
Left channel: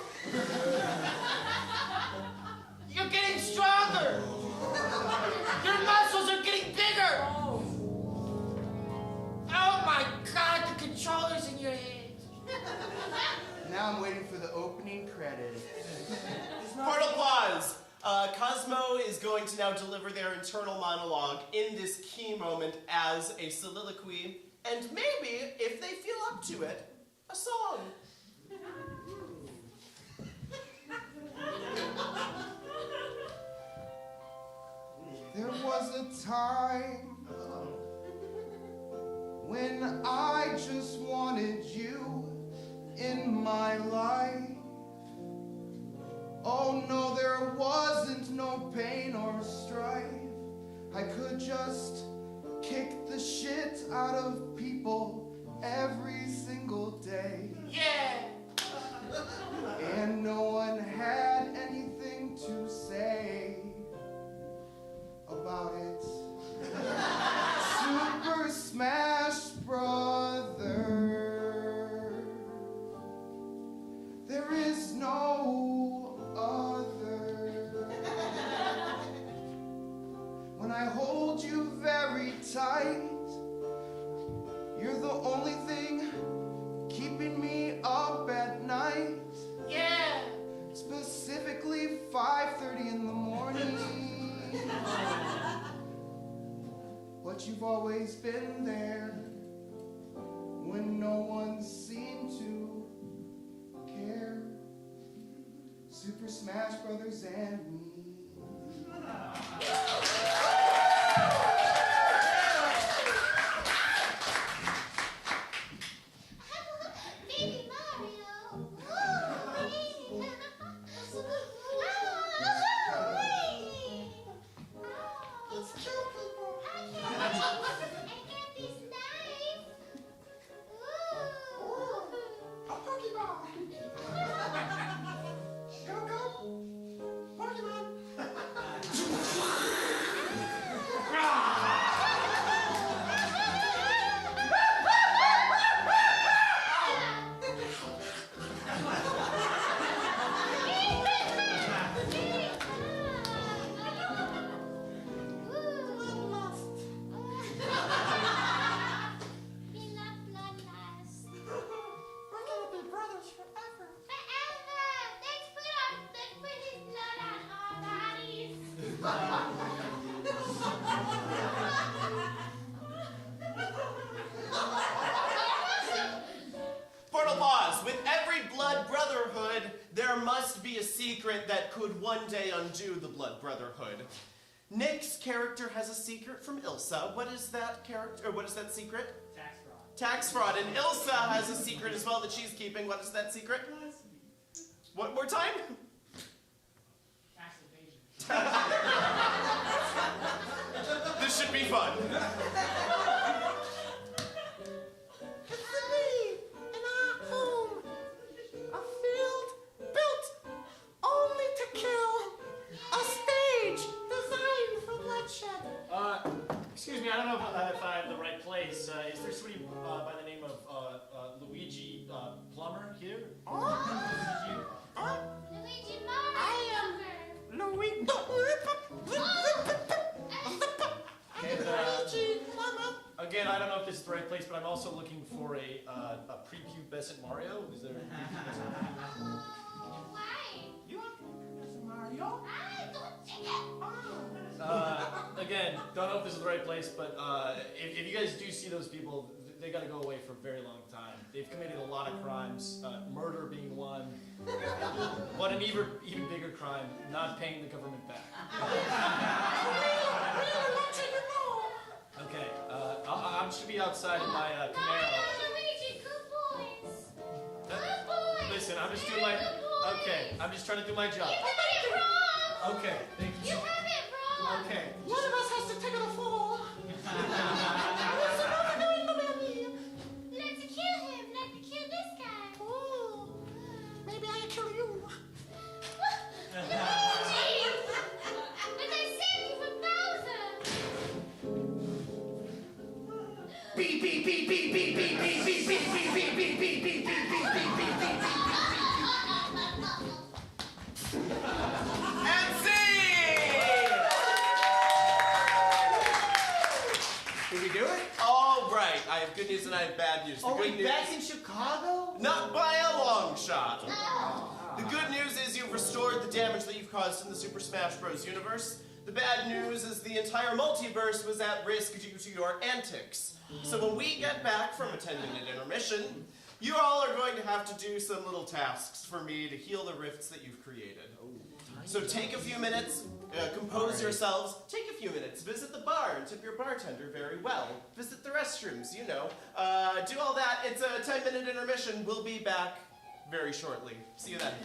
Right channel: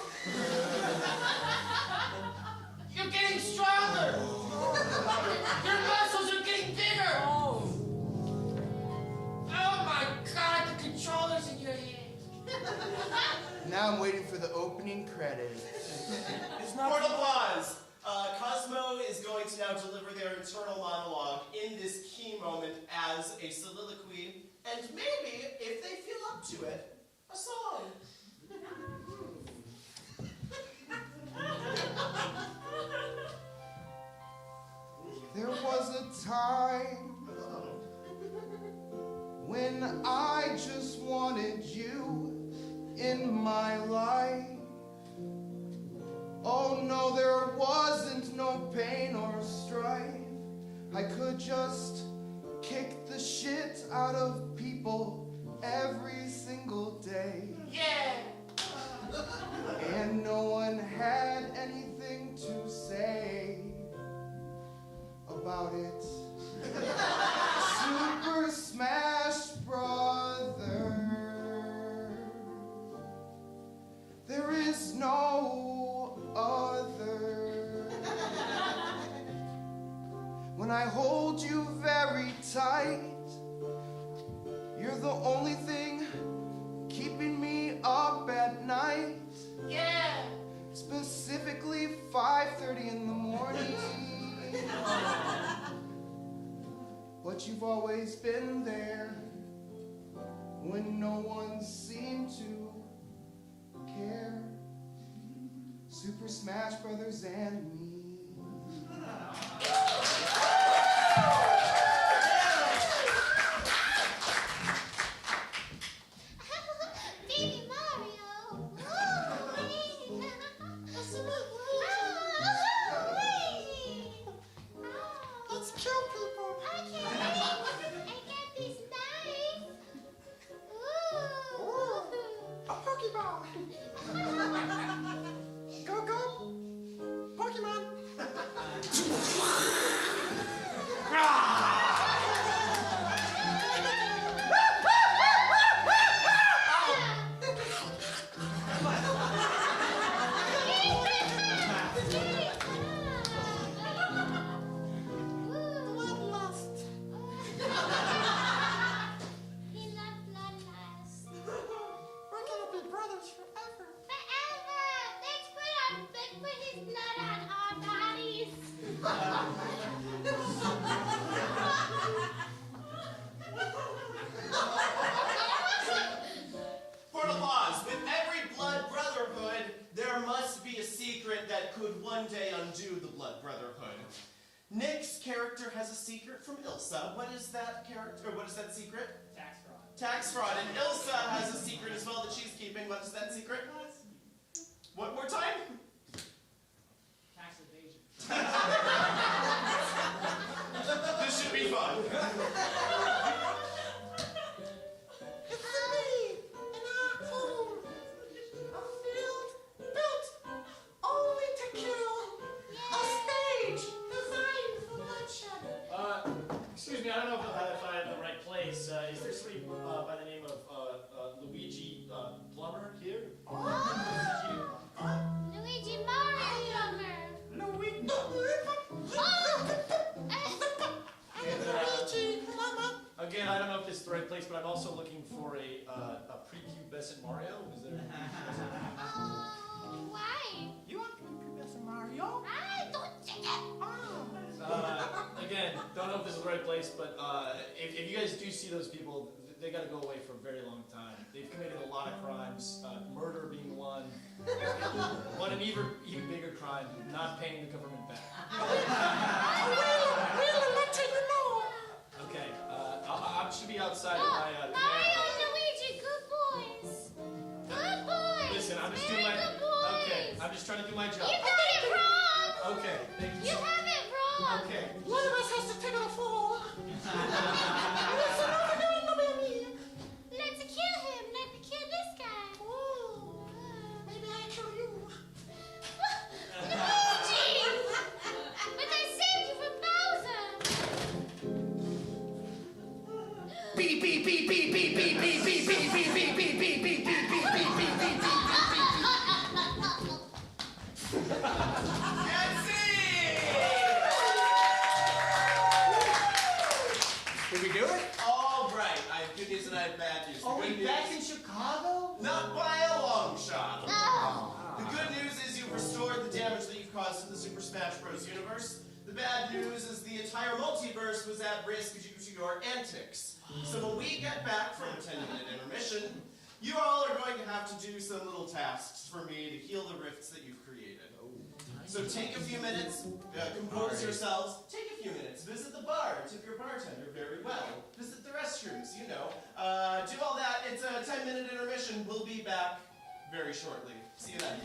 You're getting stronger. Your muscles are getting bigger. Oh my God, the controller's in your hand. Now I'm waiting for the opening credits. Portal pause. Cosmo is going to now deliver their internal monologue in this key moment as a soliloquy, and maybe, if they feel up to it, a song. There was a time when I just wanted you in my life. Oh no, there wasn't no pain or strife. I could just kick the shit out of people every single day. Yeah. And no one had anything to say about it. Super Smash Brother. There is no other. When I hold you very tight, you're the only thing keeping me up at night. Yeah. Specifically 5:30 in the morning. But you've always been there when no one seemed to care. Super Smash Brothers and me. Baby, Mom, there must be a secret that could one day undo the Blood Brotherhood. Nick's character has a secret from Ilsa. What is that character, or what is that secret? Tax fraud. Tax fraud. And Ilsa has a secret as well that she's keeping. What is that secret? One more time? Tax evasion. This should be fun. It's me in our home. A field built only to kill. A stage designed for bloodshed. Excuse me, I don't know if I have the right place. Is there somebody by the name of Luigi Plumber here? Luigi Mario. Luigi. Again, I don't know if this is the right place, but I'm also looking for a prepubescent Mario. Is there? Why? You want Professor Mario? I don't think it. Again, don't know if this is the right place, but if you guys do see those people, they got to go away for a very long time. They've committed a lot of crimes, murder being one. One an even bigger crime, not paying the government back. Okay, I should be outside in my Mario Camaro. and Luigi, good boys. Good boys. Listen, I'm just doing Very my. good boys. Okay, I'm just trying to do my job. You got it wrong. Okay, thank you. You have it wrong. Okay. One of us has to take it a fall. Let's kill him, not to kill this guy. Oh, maybe I kill you. Luigi! But I saved you from Bowser. Beep beep beep beep beep beep beep beep beep beep beep beep beep beep beep beep beep beep beep. And scene! Did we do it? All right, I have good news and I have bad news. The Are good we news, back in Chicago? not by a long shot. The good news is you've restored the damage that you've caused in the Super Smash Bros. Universe. The bad news is the entire multiverse was at risk due to your antics. So when we get back from a 10-minute intermission, you all are going to have to do some little tasks for me to heal the rifts that you've created. So take a few minutes, compose yourselves, take a few minutes, visit the bar, and tip your bartender very well. Visit the restrooms, you know. Do all that. It's a 10-minute intermission. We'll be back very shortly. See you then.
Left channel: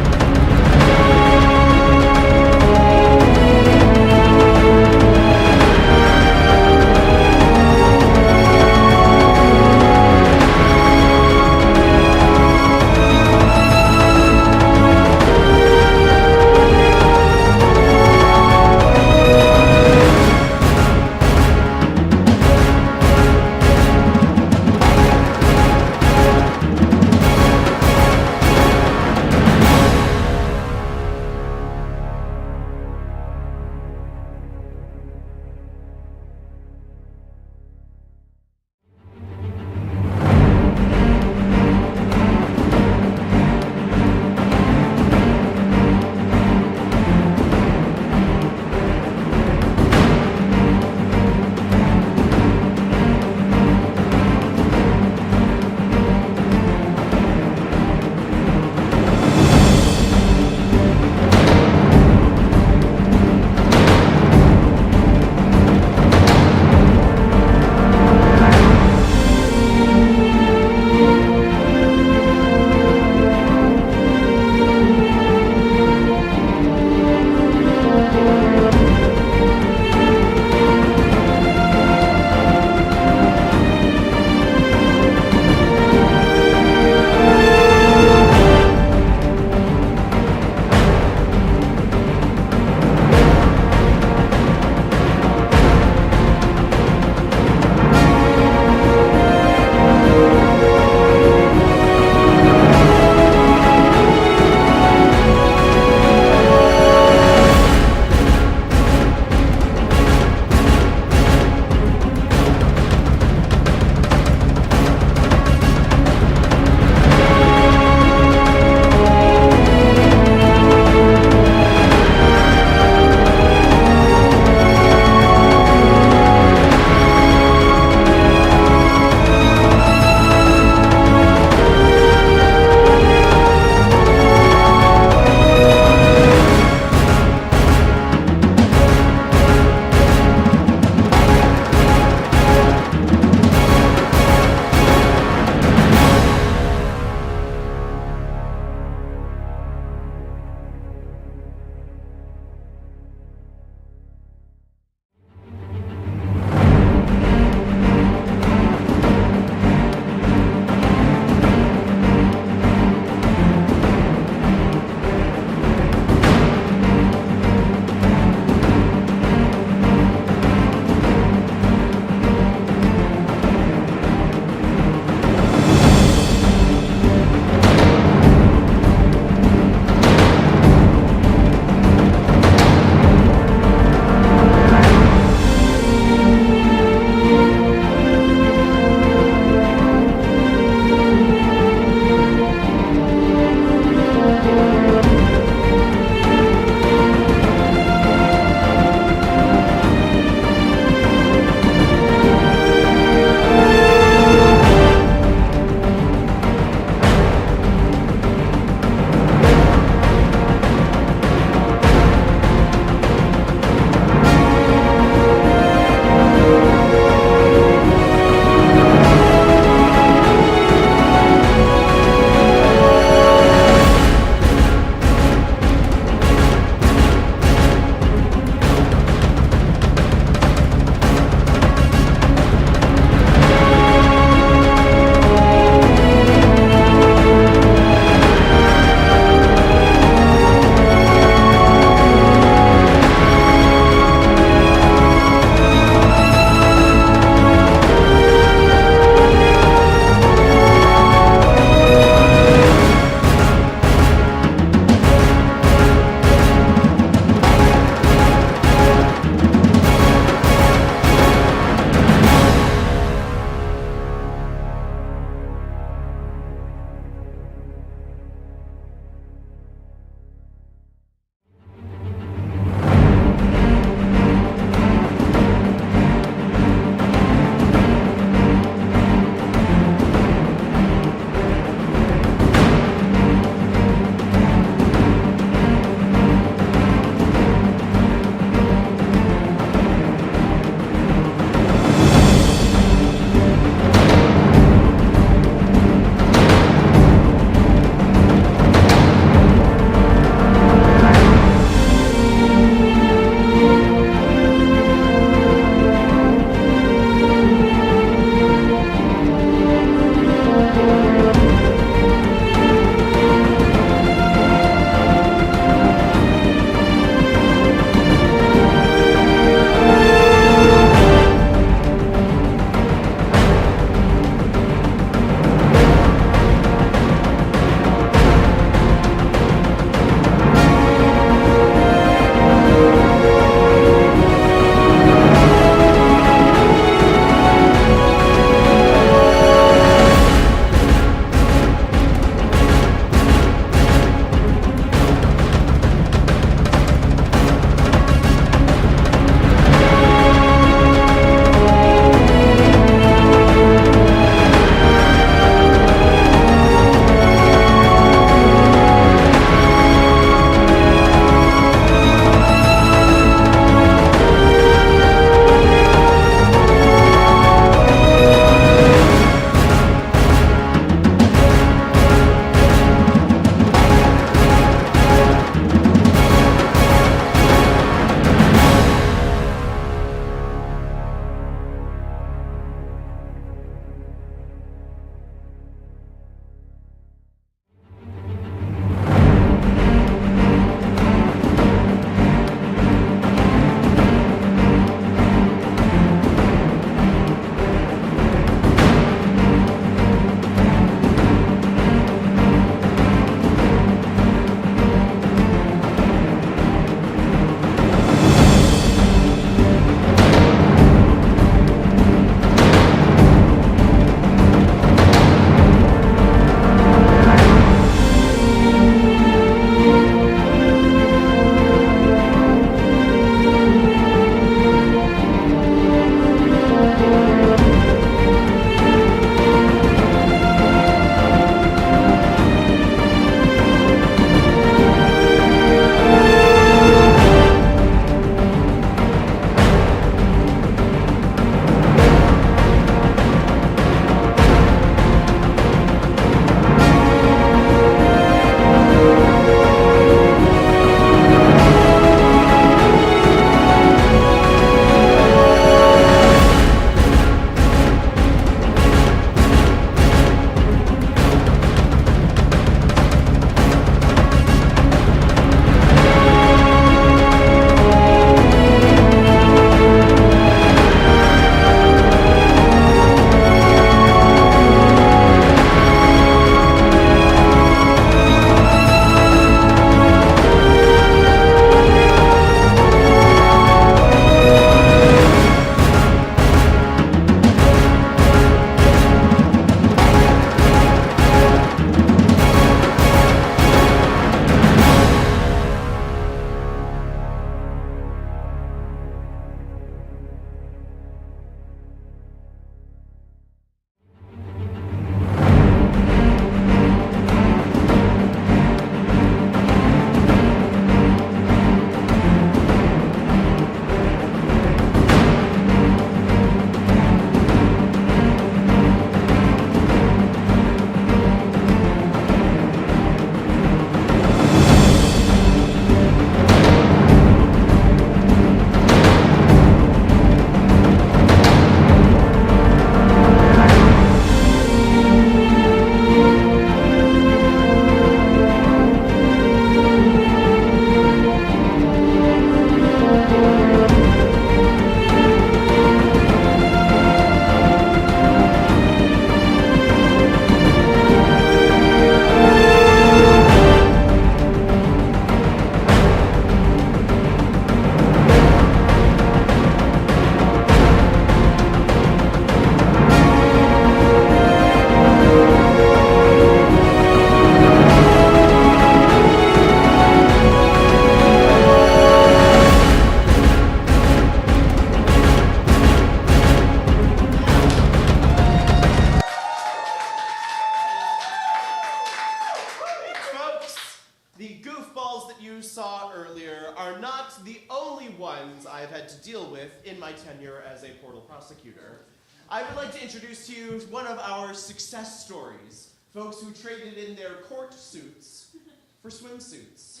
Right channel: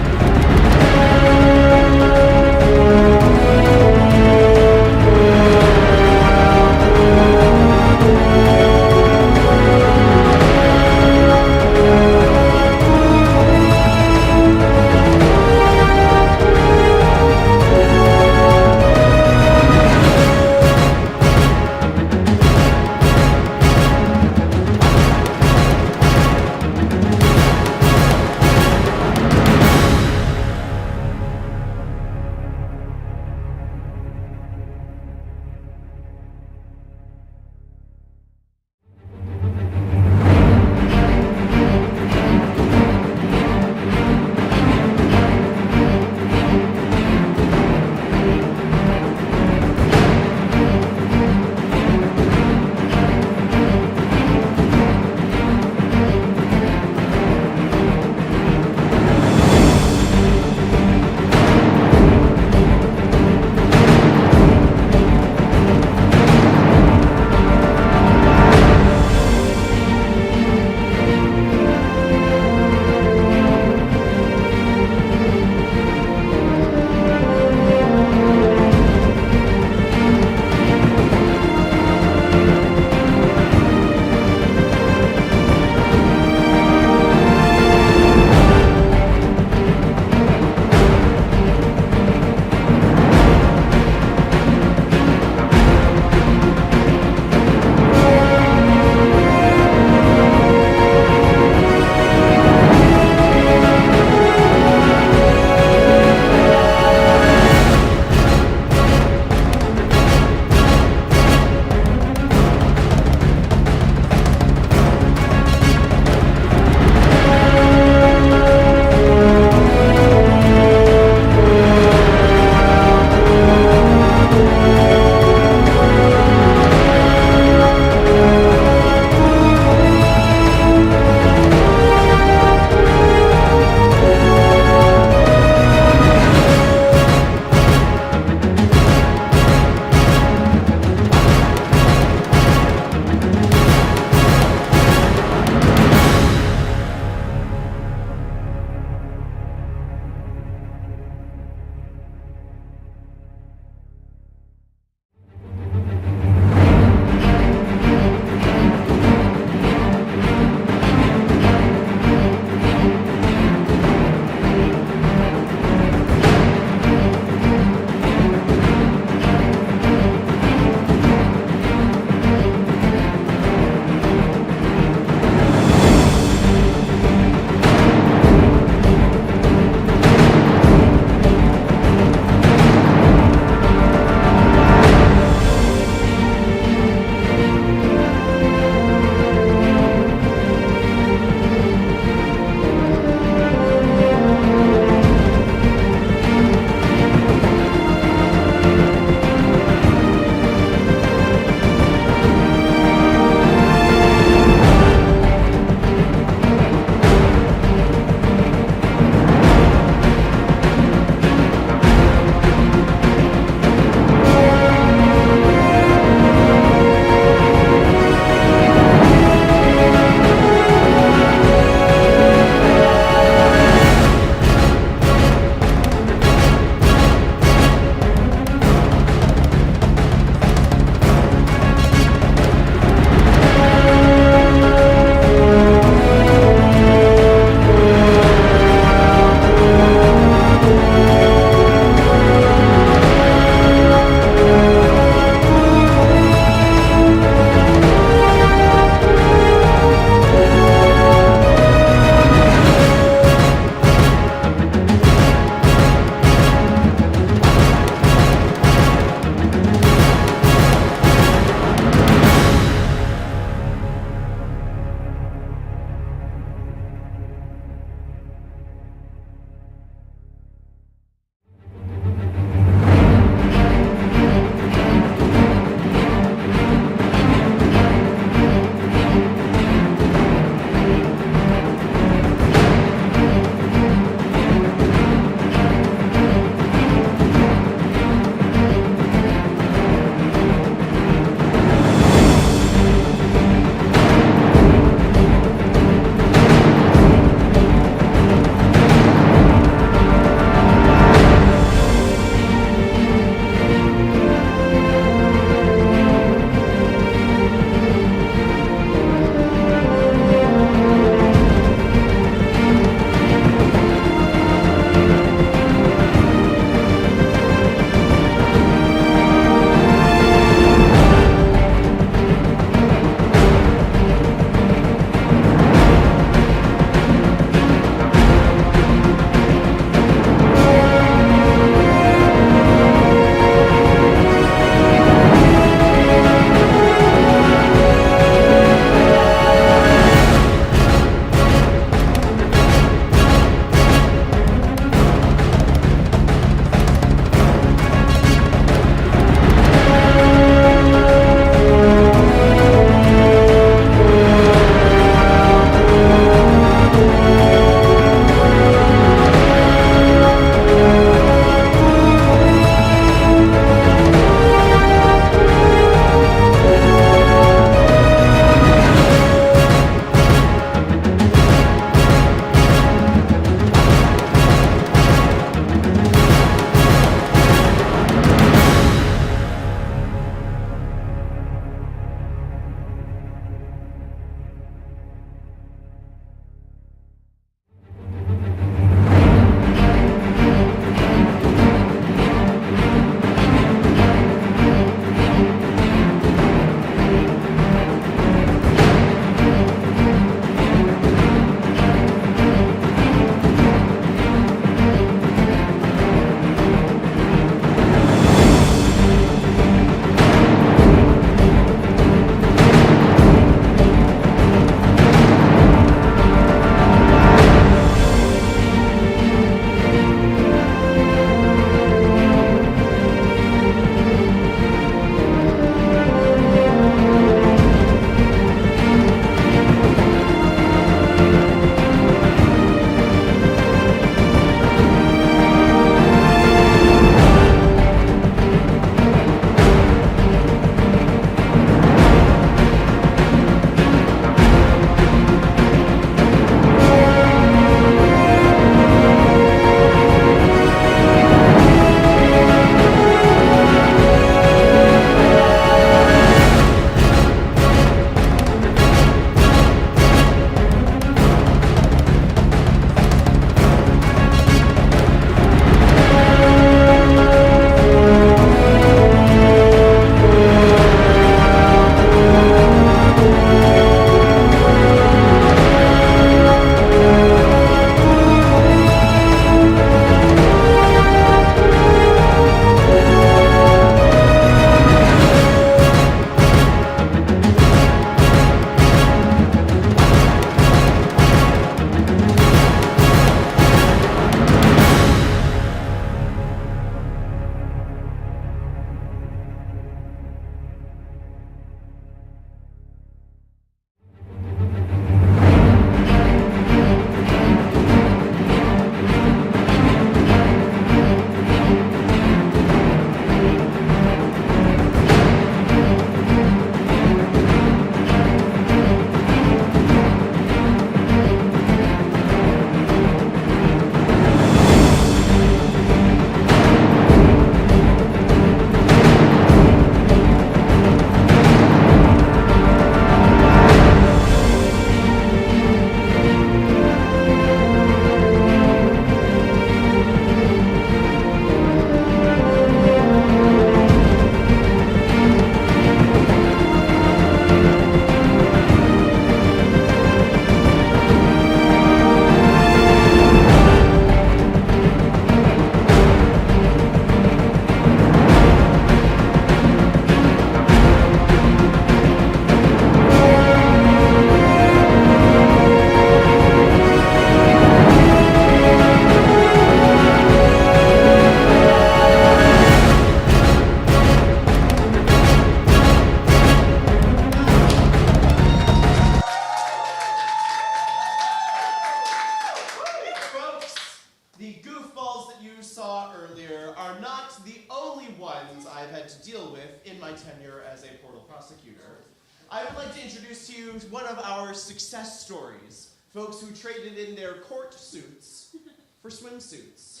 here are not the only ones I've had to deal with in my tenure as a Portal prosecutor. I would like to introduce to you one of our success stories. Folks who traded in their court suits for swimsuits.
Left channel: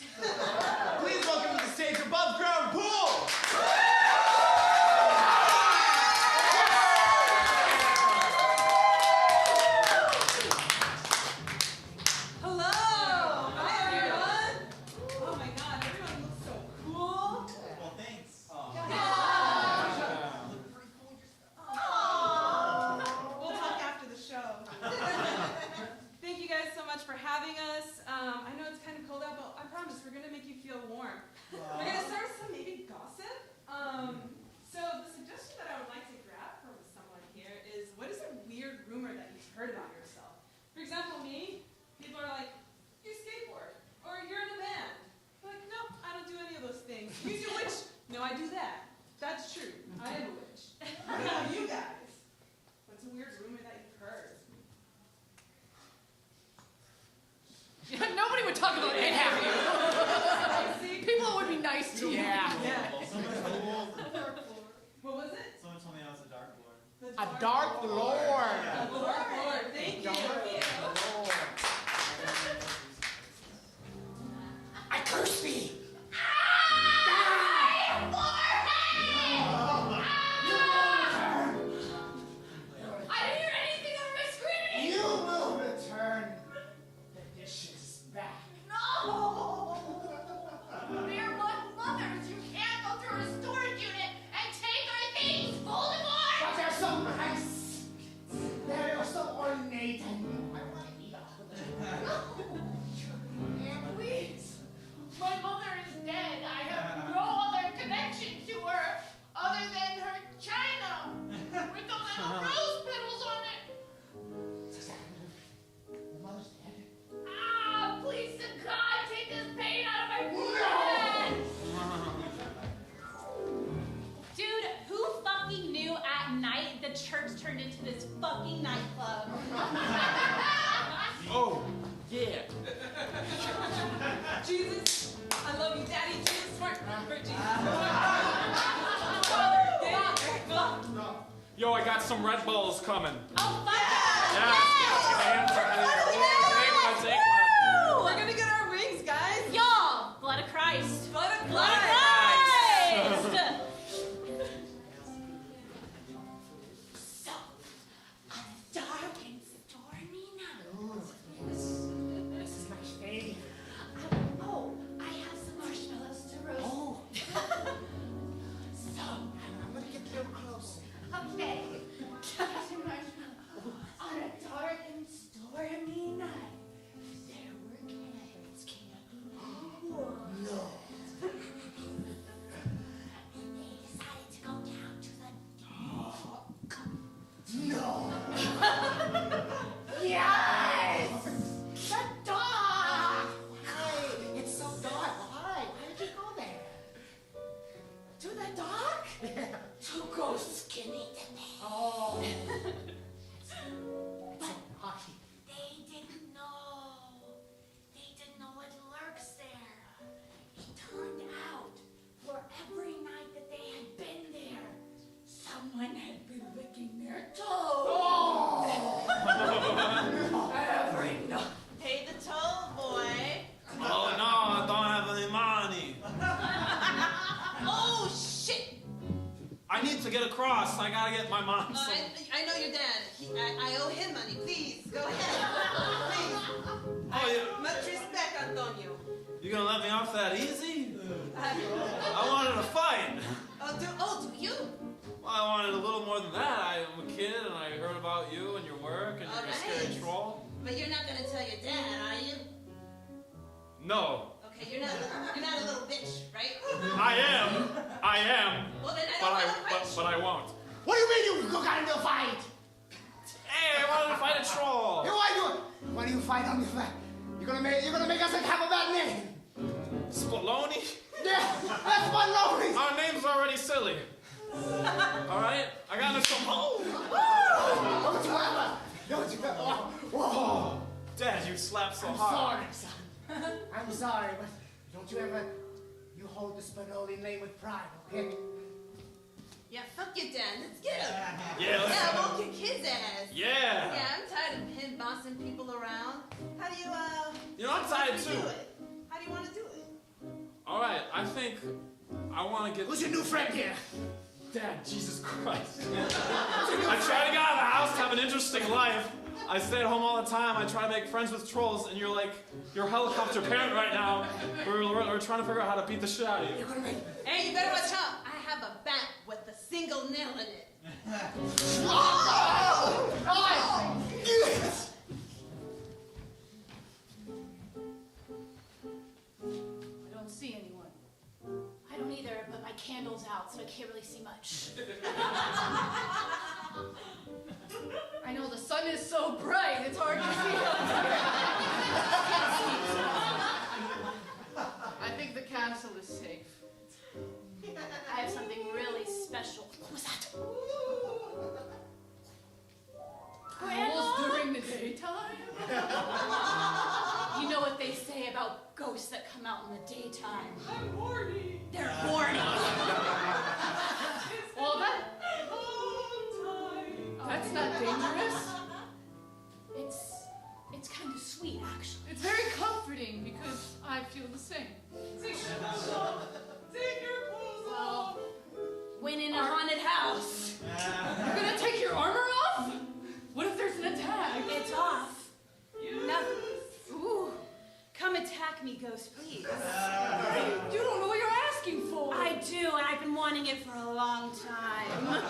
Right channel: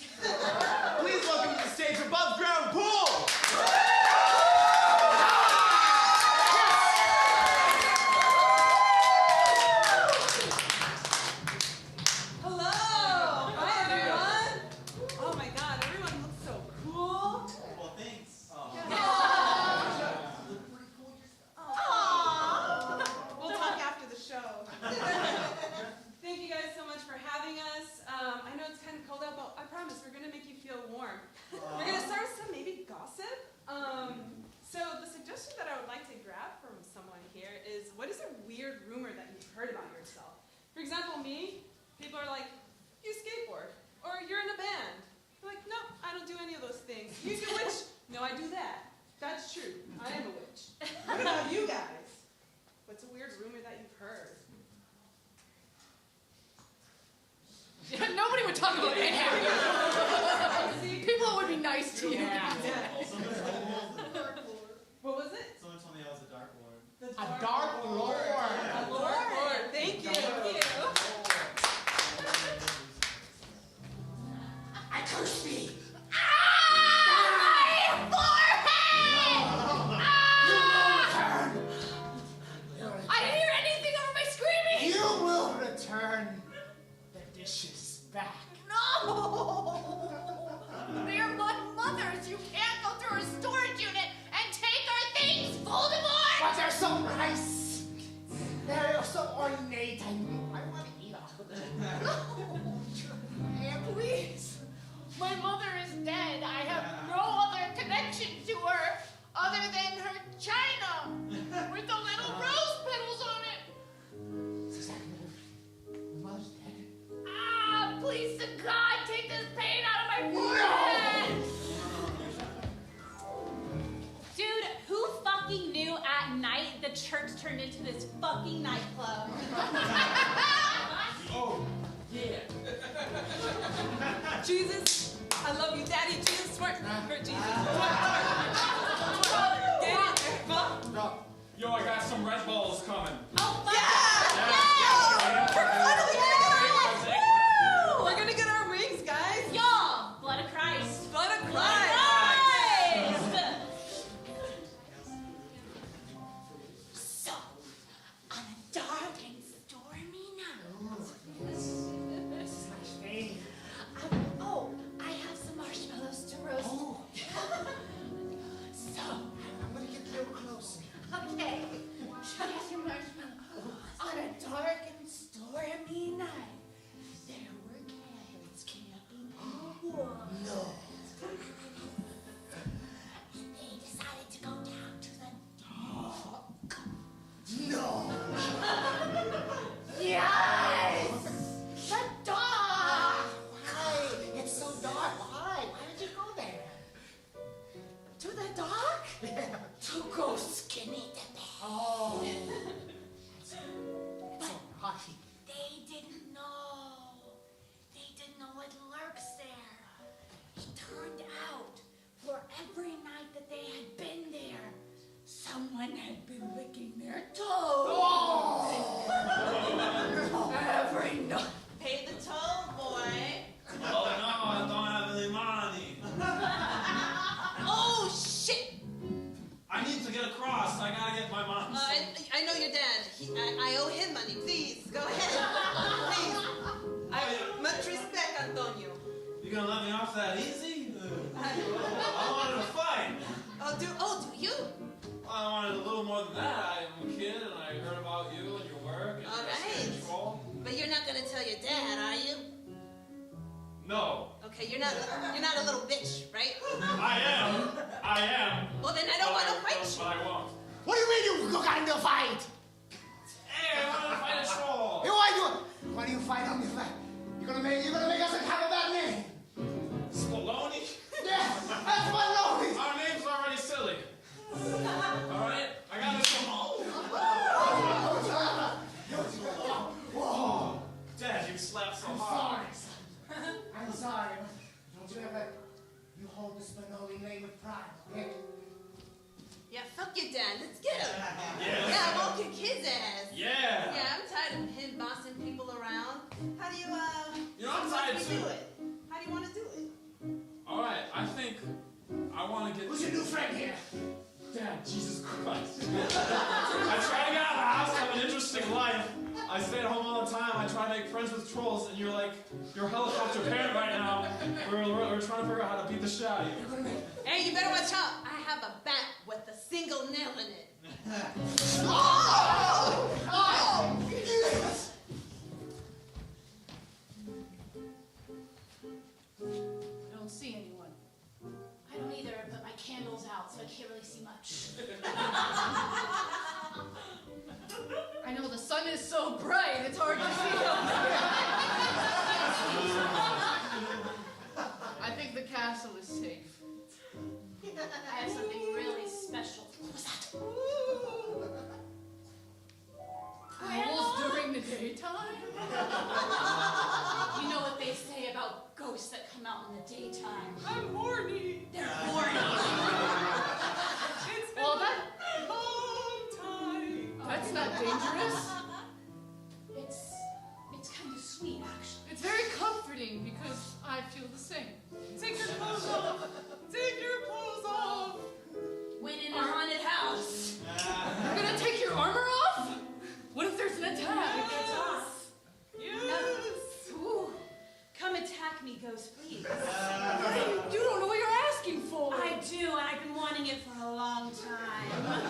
Please welcome to the stage Above Ground Pool! Yo, I got some Red Bulls coming. Oh, fuck Yeah. We're gonna get our rings, guys. Y'all, blood of Christ. Blood of Christ. So, on a dark and stormy night. This is my shade. Oh, I have some marshmallows to roast. Oh. So, I'm gonna get a little closer. Okay. On a dark and stormy night, there were cats camping in the woods. No. And they decided to go down to the dock. No. Yes! The dock! Why? It's so dark. Why? Why did you go there? To the dock? To go skinny dipping. Oh. That's so naughty. They didn't know. They didn't know what lurks there. It turned out, for every night that they had been there, someone had been licking their toes. Oh. Every night. Pay the toll, boy. Oh no, I don't have any money. Oh, shit. I need to get across. I gotta get my mom. I know your dad. I owe him money. Please, go ahead. Please. Oh, yeah. Much respect, Antonio. You gonna let me off that easy? I wanted to fight. Do you? Well, I wanted a little more than that. I'm a kid and I heard about you and your work and your schedule. But you're not gonna tell your dad, are you? No. Okay, you're not a little bitch, right? I am. Well, then I don't want to fight you. But I won't. What do you mean you got into a fight? Hey, I wanted to fight a troll. Hey, why do you fight on this fight? You're gonna make us have a bad name. Spoloni? Yeah, that's baloney. Our name's already silly. All right, I got this from home. Don't you ever? Whoa. Dad, you slapped so I'm hard. sorry, son. I'm sorry, but don't you ever, you hold we made with pride, okay? Yeah, fuck you, Dad. Let's get him. Yeah, we'll kick his ass. Yeah. Yeah, I'm tired of him bossing people around. How do you, You know, I'm tired too. do it? How do you want to do it? All right, I think I want to get... Who's your new friend here? Dad, Jesus Christ. I try to get out of the house to have an interesting life. I stay at home all the time. I try to make friends with trolls, and you're like, you're a helicopter parent right now. We're trying to figure out how to beat the shit out of you. Hey, you better watch out. I have a bat with a single nail in it. I don't see anyone. I don't either, but my candle's out, so I can't really see much. I know the sun is so bright, it's hard to see. I think the castle is safe. I have something really special. What was that? Owls during the daytime? You know what they say about ghosts that come out in the daytime? I'm horny. They're horny. Well, that's not dangerous. It's kind of sweet, actually. It's very comforting because I feel the same. Take your clothes off. Take your clothes off. When in a haunted house. You're gonna take your armor off? What if there's an attack? It's off. No. Ooh. Come attack me, ghost, please. You don't know what you're asking for. I do, and I've been wanting it for a long time.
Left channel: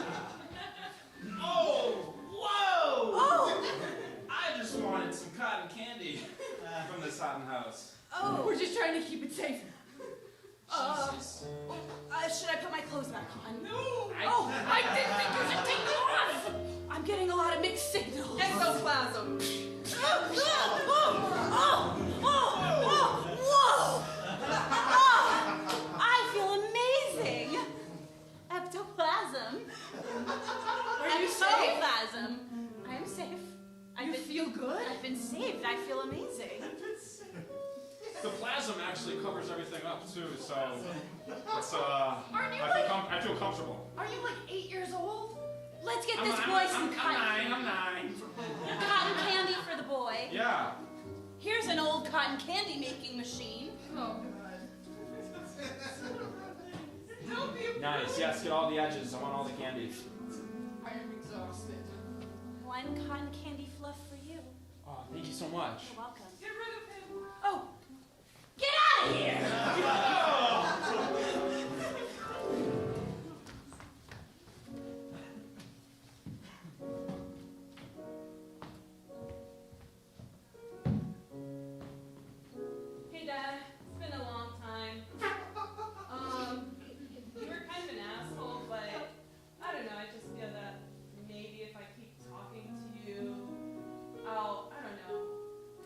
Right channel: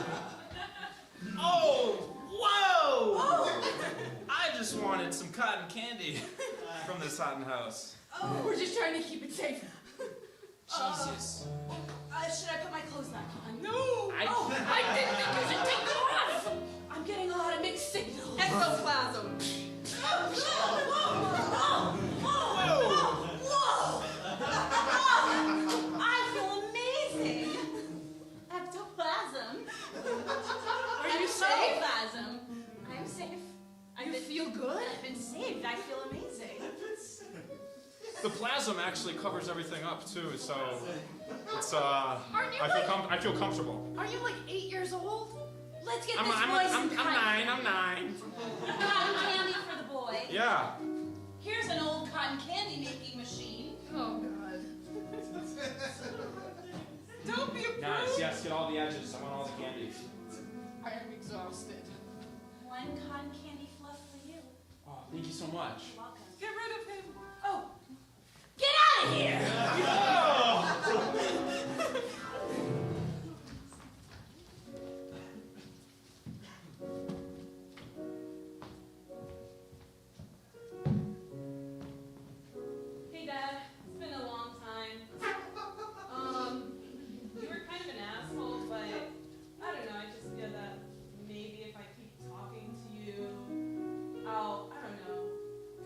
Oh! Whoa! Oh! I just wanted some cotton candy from this haunted house. Oh. We're just trying to keep it safe. Jesus. Should I put my clothes back on? No! I didn't think you should take them off! I'm getting a lot of mixed signals. Ectoplasm. Whoa! I feel amazing. Ectoplasm. Are you safe? Ectoplasm. I am safe. You feel good? I've been saved. I feel amazing. The plasm actually covers everything up too, so it's I feel comfortable. Are you like 8 years old? Let's get this boy some I'm nine. cotton candy for the boy. Yeah. Here's an old cotton candy making machine. Oh, God. Don't be a Nice. Yes, get all the edges. I want all the candy. I am exhausted. One cotton candy fluff for you. Oh, thank you so much. You're welcome. Get rid of him. Oh, get out of here! Hey, Dad. It's been a long time. You were kind of an asshole, but I don't know. I just feel that maybe if I keep talking to you, I'll, I don't know,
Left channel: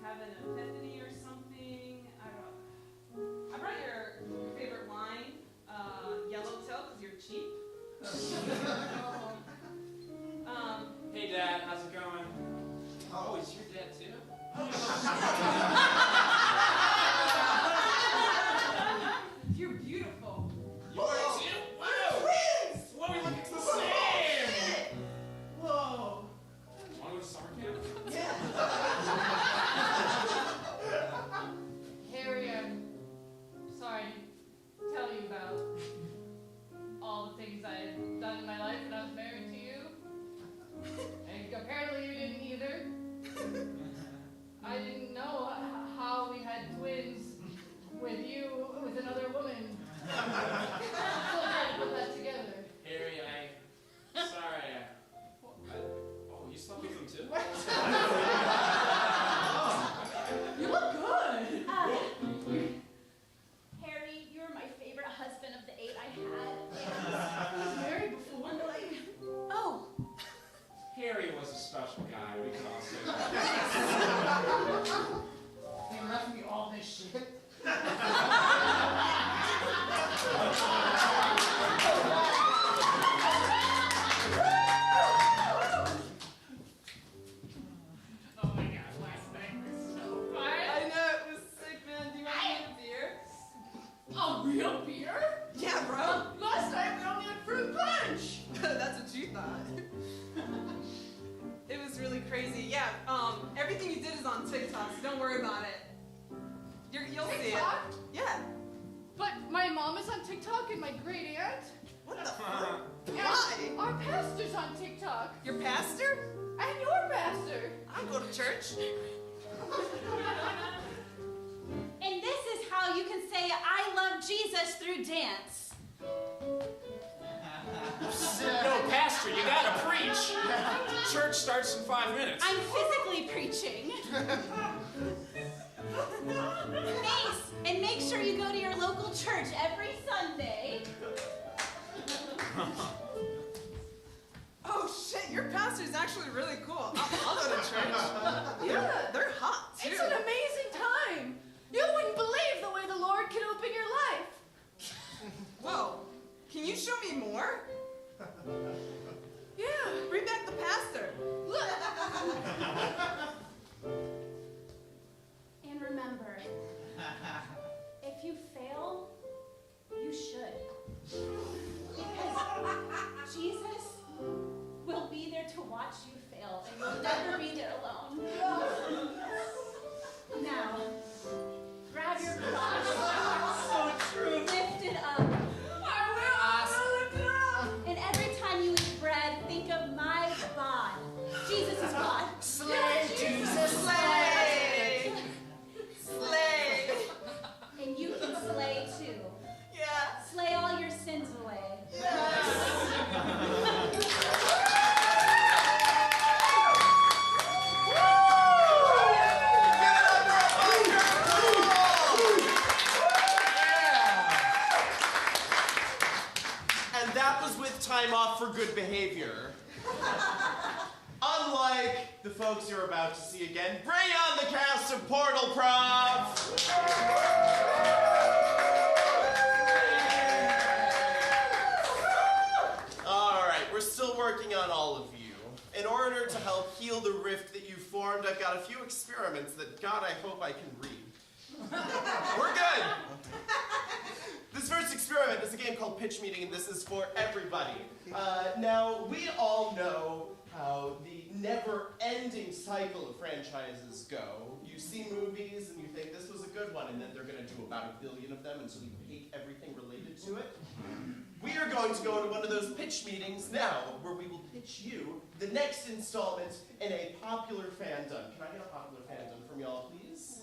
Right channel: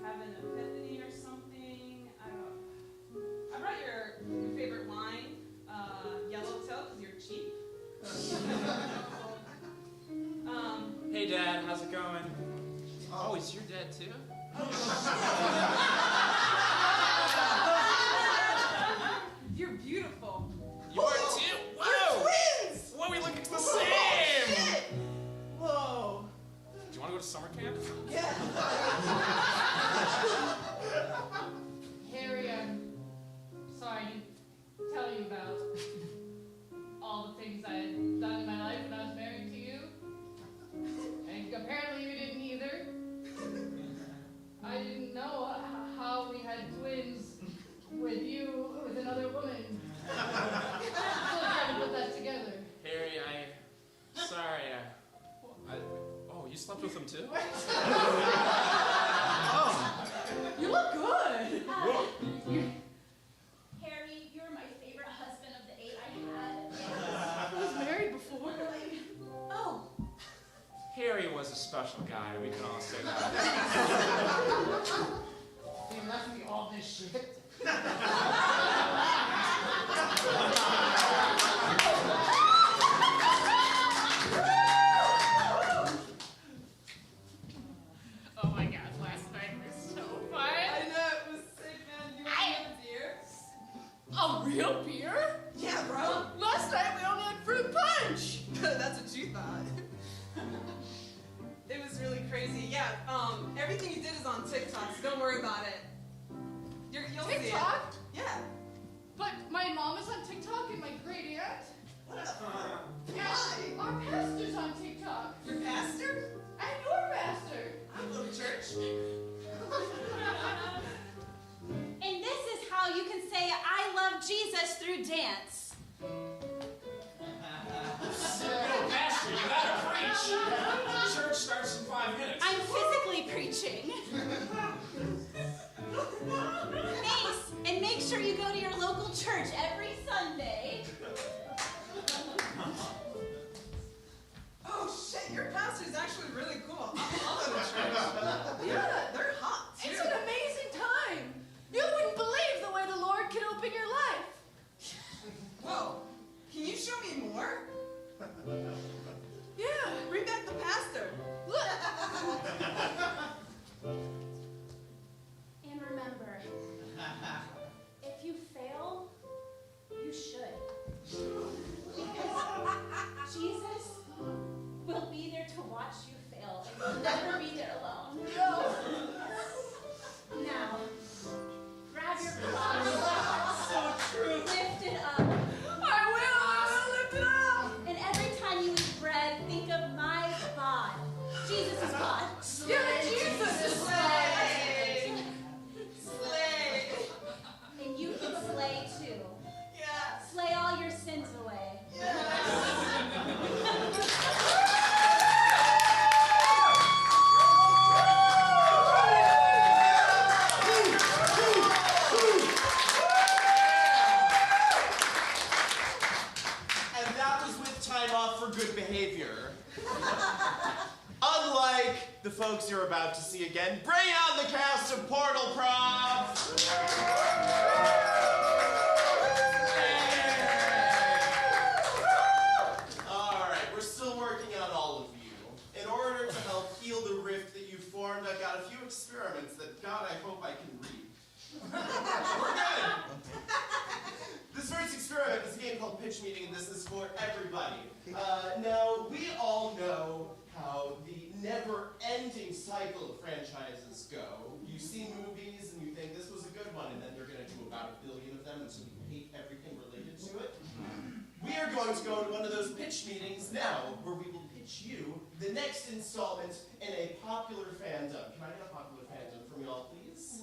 have an epiphany or something. I brought your favorite wine, Yellowtail, because you're cheap. Hey, Dad. How's it going? Oh, is your dad too? You're beautiful. You are too? Whoa! Twins! Whoa, we look the same! Whoa. Do you want to go to summer camp? Yeah. Harry, I'm sorry to tell you about all the things I had done in my life when I was married to you. And apparently you didn't either. I didn't know how we had twins with you, with another woman. I'm still trying to put that together. Harry, sorry. Oh, you slept with him too? You look good. Harry, you were my favorite husband of the 8 I had. I was married before. Oh, Harry was a special guy, we can all say that. They left me all this shit. on TikTok, so don't worry about it. You'll see it. TikTok? Yeah. But my mom is on TikTok and my great aunt. What the fuck? And our pastor's on TikTok. Your pastor? And your pastor. I don't go to church. And this is how you can say I love Jesus through dance. No, Pastor, you gotta preach. Church starts in 5 minutes. I'm physically preaching. Nice. And make sure you go to your local church every Sunday. Oh shit, your pastor's actually really cool. I'll go to church. Yeah, they're hot too. It's an amazing time. You wouldn't believe the way the Lord can open your life. Whoa, can you show me more? Yeah. Bring back the pastor. Look. And remember, if you fail, you should. Because Jesus will be there to watch you fail, and you'll never be there alone. Now, grab your cross, lift it up. I will lift it up. And every time you eat bread, think of my God. Jesus' God. Yeah, Jesus, slay. Slay. And you can slay too. Yeah. Slay all your sins away. And that was with time off for good behavior. Unlike the folks you're about to see again, bring on the cast of Portal-Prov! Alright, we're still working on all of you. In order to help heal the rift that you formed, I've got a few experiments that, God, I hope I can read. We're good! This first experiment is a game called Pitch Meeting, and this is for everybody. Now, we all know how the never-ending cycle of franchises go. You see movies, and you think this was a good one, and then they're going to do about 1 billion of them, and so you hate everything related to it. We are going to go to one of those pitch meetings now, where we will pitch you the next installment in a popular fandom. Can I get a popular fandom from y'all, please?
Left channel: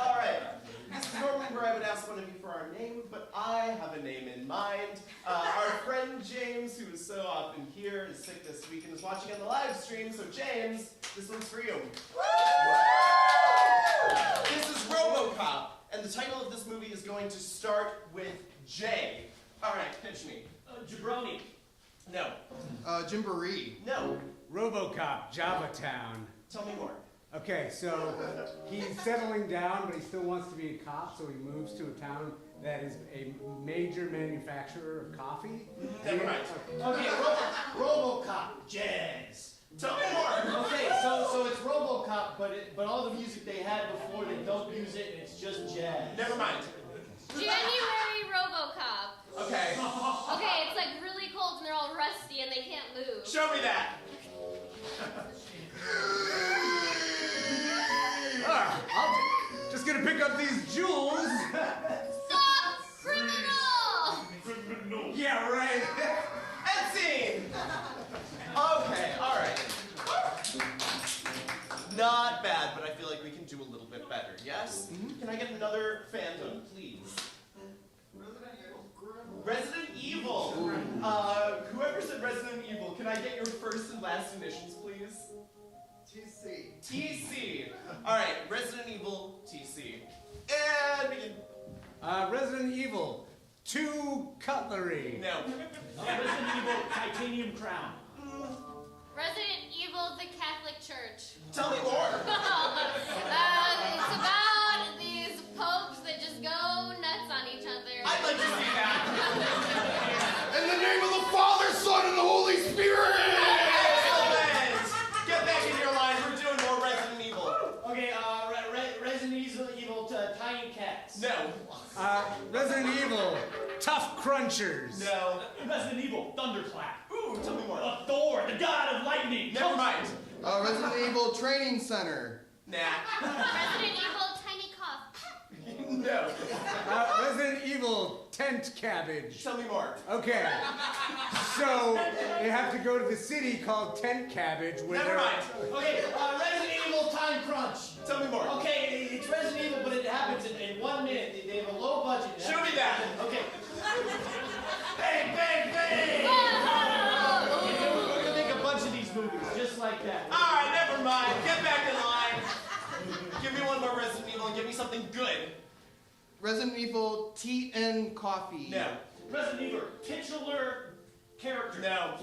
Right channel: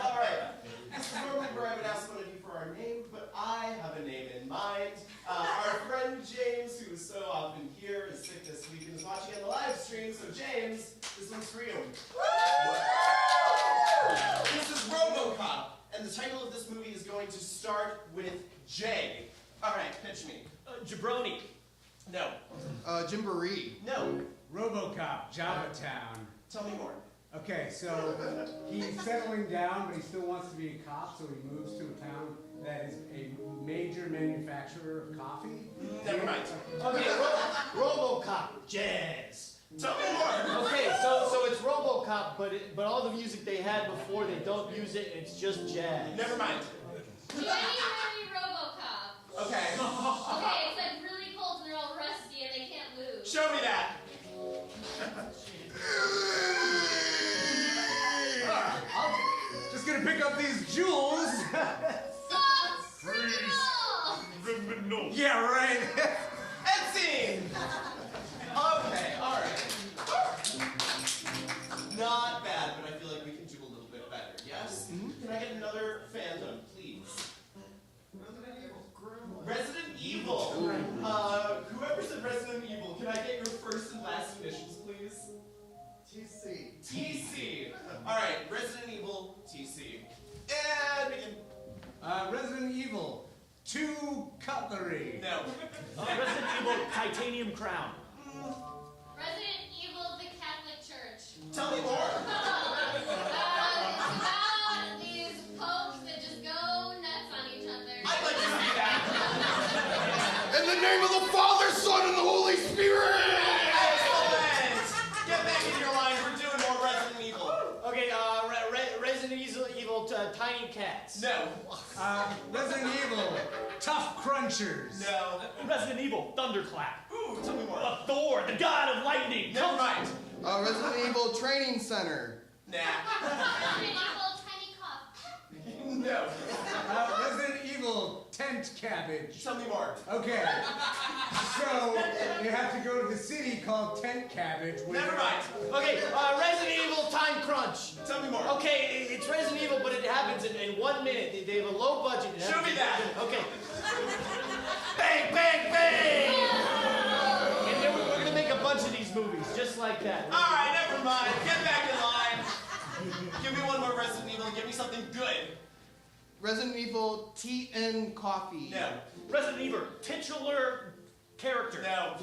All right. This is normally where I would ask one of you for our name, but I have a name in mind. Our friend James, who is so often here, is sick this week and is watching on the live stream. So James, this one's for you. This is RoboCop, and the title of this movie is going to start with J. All right, pitch me. Jabroni. No. Jimboree. No. RoboCop, Java Town. Tell me more. Okay, so he's settling down, but he still wants to be a cop, so he moves to a town that is a major manufacturer of coffee. Never mind. Okay, RoboCop, jazz. Tell me more. Okay, so it's RoboCop, but all the music they had before, they don't use it, and it's just jazz. Never mind. January RoboCop. Okay. Okay, it's like really cold and they're all rusty and they can't move. Show me that. I'm just gonna pick up these jewels. Stop, criminal! Yeah, right. And scene. Okay, all right. Not bad, but I feel like we can do a little bit better. Yes? Can I get another fandom, please? Resident Evil. Whoever said Resident Evil, can I get your first and last initials, please? TC. TC. All right, Resident Evil, TC. And begin. Resident Evil, 2 cutlery. No. Resident Evil Titanium Crown. Resident Evil, the Catholic Church. Tell me more. It's about these popes that just go nuts on each other. I'd like to see that. In the name of the Father, Son, and the Holy Spirit! Excellent. Get back in your line. We're doing more Resident Evil. Okay, Resident Evil Tiny Cats. No. Resident Evil, Tough Crunchers. No. Resident Evil Thunderclap. Ooh, tell me more. Thor, the god of lightning. Never mind. Resident Evil Training Center. Nah. Resident Evil Tiny Cough. No. Resident Evil Tent Cabbage. Tell me more. Okay. So, you have to go to the city called Tent Cabbage. Never mind. Okay, Resident Evil Time Crunch. Tell me more. Okay, it's Resident Evil, but it happens in 1 minute. They have a low budget. Show me that. Okay. Bang, bang, bang! And then we're gonna make a bunch of these movies, just like that. All right, never mind. Get back in line. Give me one more Resident Evil and give me something good. Resident Evil Tea and Coffee. No. Resident Evil, titular character. No.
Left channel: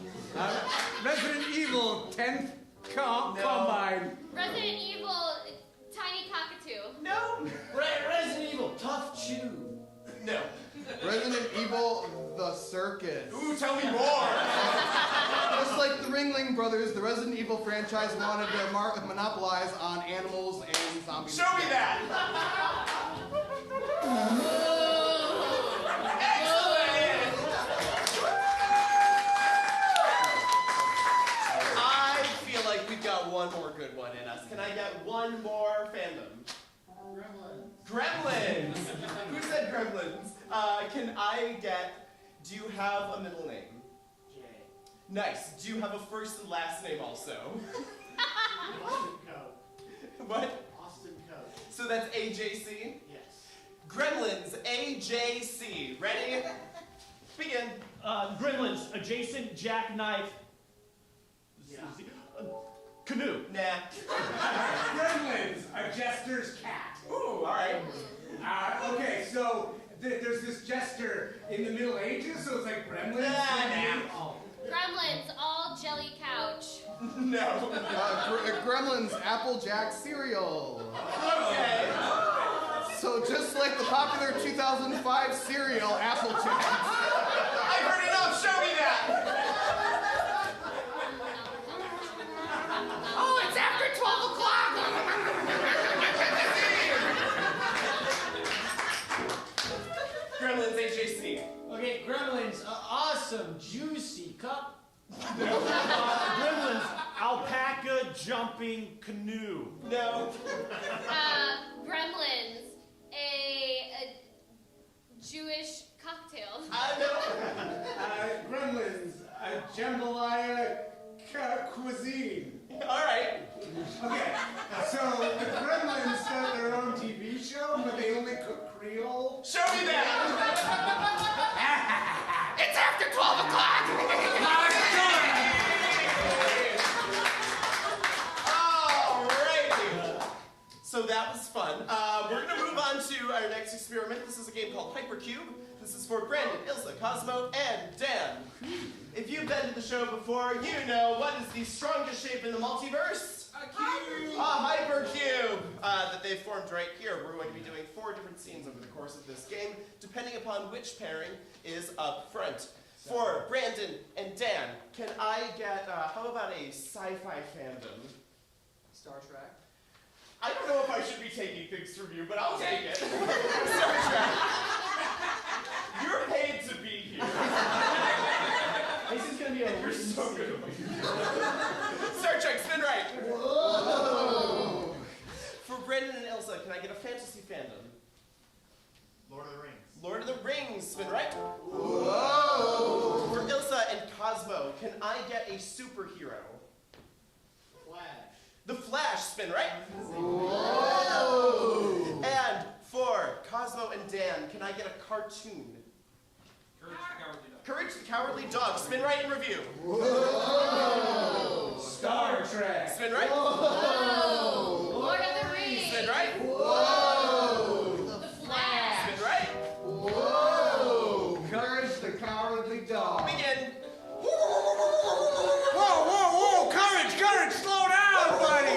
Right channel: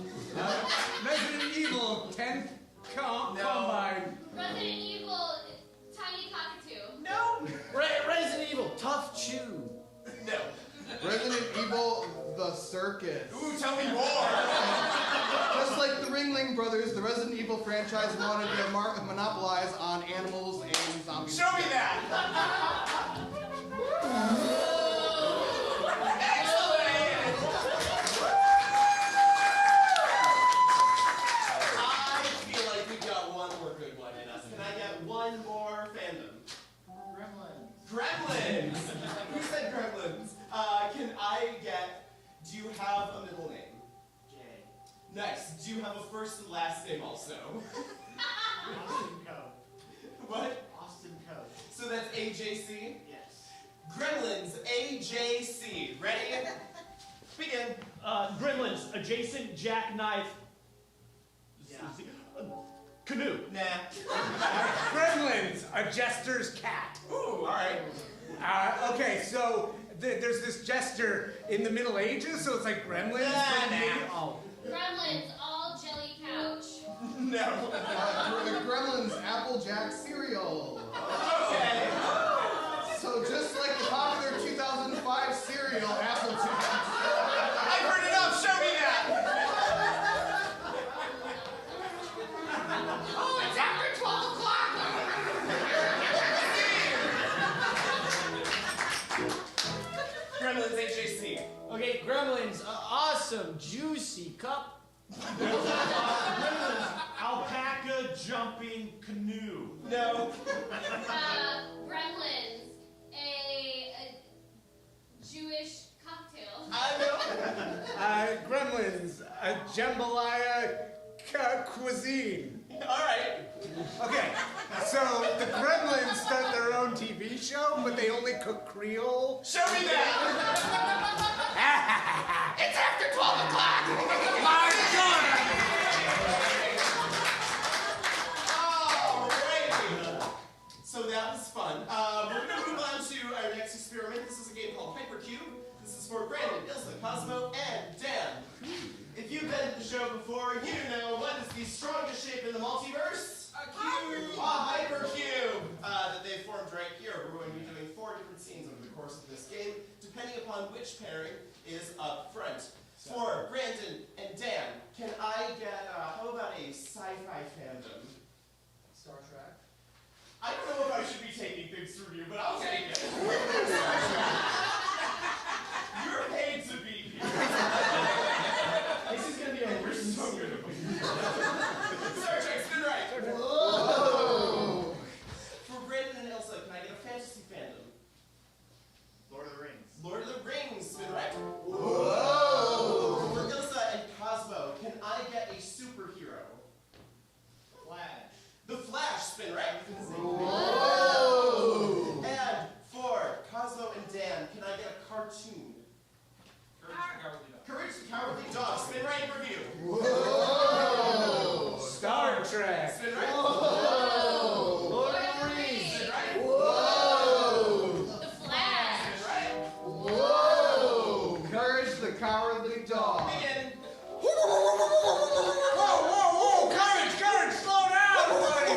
Resident Evil 10th Combine. Resident Evil Tiny Cockatoo. No. Resident Evil Tough Chew. No. Resident Evil The Circus. Ooh, tell me more. Just like the Ringling Brothers, the Resident Evil franchise wanted to monopolize on animals and zombies. Show me that. Excellent. I feel like we've got one more good one in us. Can I get one more fandom? Gremlins. Who said Gremlins? Can I get, do you have a middle name? J. Nice. Do you have a first and last name also? Austin Coe. What? Austin Coe. So that's AJC? Yes. Gremlins, AJC. Ready? Begin. Gremlins, adjacent jackknife. Yeah. Canoe. Nah. Gremlins, a jester's cat. Ooh, all right. Okay, so there's this jester in the Middle Ages, so it's like Gremlins. Nah. Oh. Gremlins, all jelly couch. No. Gremlins Applejack cereal. Okay. So just like the popular 2005 cereal Applejack. I've heard enough. Show me that. Oh, it's after 12 o'clock! Gremlins, AJC. Okay, Gremlins, awesome, juicy cup. Gremlins, alpaca jumping canoe. No. Gremlins, a Jewish cocktail. I know. Gremlins, a jambalaya cuisine. All right. Okay, so the Gremlins start their own TV show, but they only cook Creole. Show me that. It's after 12 o'clock! Alrighty. So that was fun. We're going to move on to our next experiment. This is a game called Hypercube. This is for Brandon, Ilsa, Cosmo, and Dan. If you've been to the show before, you know what is the strongest shape in the multiverse? A cube! A hypercube! That they've formed right here. We're going to be doing 4 different scenes over the course of this game, depending upon which pairing is up front. For Brandon and Dan, can I get, how about a sci-fi fandom? Star Trek. I don't know if I should be taking things from you, but I'll take it. You're paid to be here. This is gonna be a You're so good. Star Trek, spin right. Whoa! For Brandon and Elsa, can I get a fantasy fandom? Lord of the Rings. Lord of the Rings, spin right. Whoa! For Ilsa and Cosmo, can I get a superhero? Flash. The Flash, spin right. Whoa! And for Cosmo and Dan, can I get a cartoon? Courage the Cowardly Dog, spin right in review. Whoa! Star Trek. Spin right. Whoa! Lord of the Rings! Spin right. Whoa! The Flash! Spin right. Whoa! Courage the Cowardly Dog. Begin. Whoa! Courage! Slow down, buddy!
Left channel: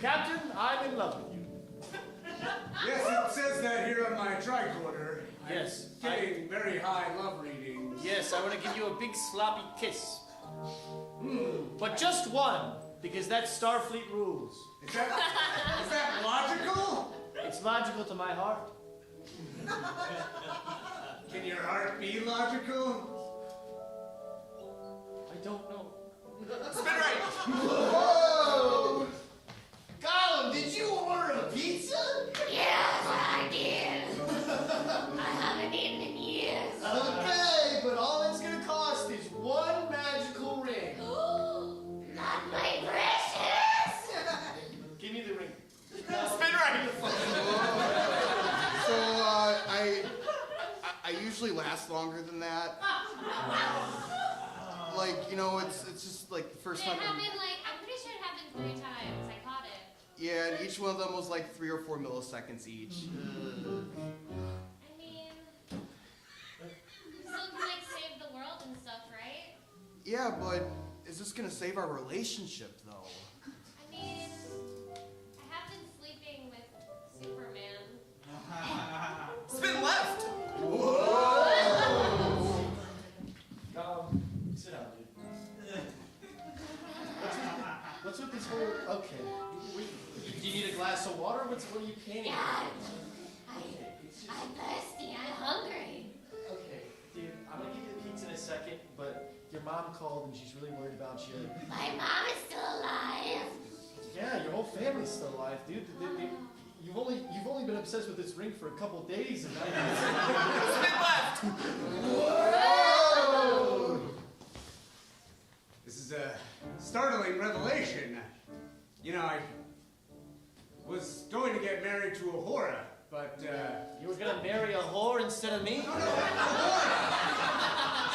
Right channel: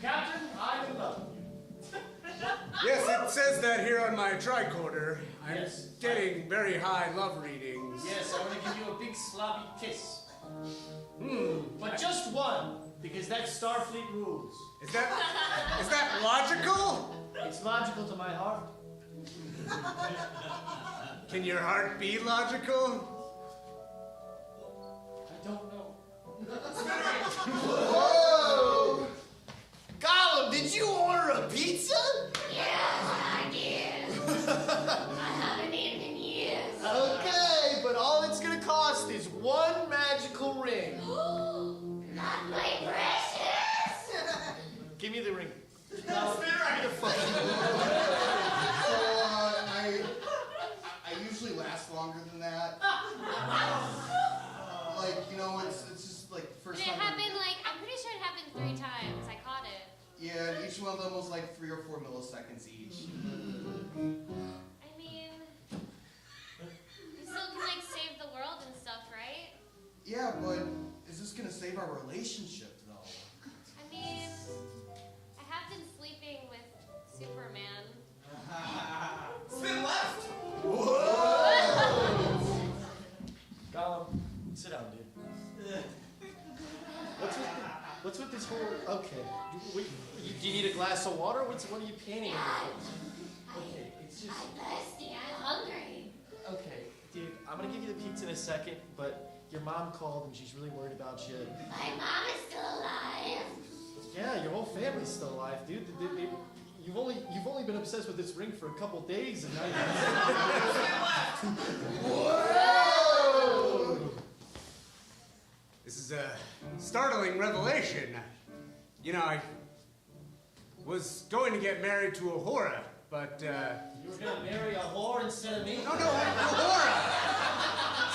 Captain, I'm in love with you. Yes, it says that here on my tricorder. I'm Yes. getting very high love readings. Yes, I want to give you a big sloppy kiss. But just one, because that's Starfleet rules. Is that logical? It's logical to my heart. Can your heart be logical? don't know. Spin right. Whoa! Gollum, did you order a pizza? Yes, I did. I haven't eaten in years. Okay, but all it's gonna cost is one magical ring. Not my precious. Give me the ring. Spin right. So, I usually last longer than that. Like, you know, it's just like the first It time. happened like, I'm pretty sure it happened 3 times. I caught it. Yeah, and each one of them was like 3 or 4 milliseconds each. I mean, you still can like save the world and stuff, right? Yeah, but is this gonna save our relationship, though? I mean, I have been sleeping with Superman. Spin left. Whoa! Sit down, dude. What's with this whole? Okay. Do you need a glass of water? What are you painting? Yeah. Okay, it's just. I'm thirsty. I'm hungry. Okay, dude. I'm gonna give you the pizza in a second, but your mom called and she's really worried about you. My mom is still alive. Yeah, your whole family's still alive, dude. You've only been obsessed with this ring for a couple days, and now Whoa! This is a startling revelation. You know, I was going to get married to Ahura, but you were gonna marry a whore instead of me? No, Ahura.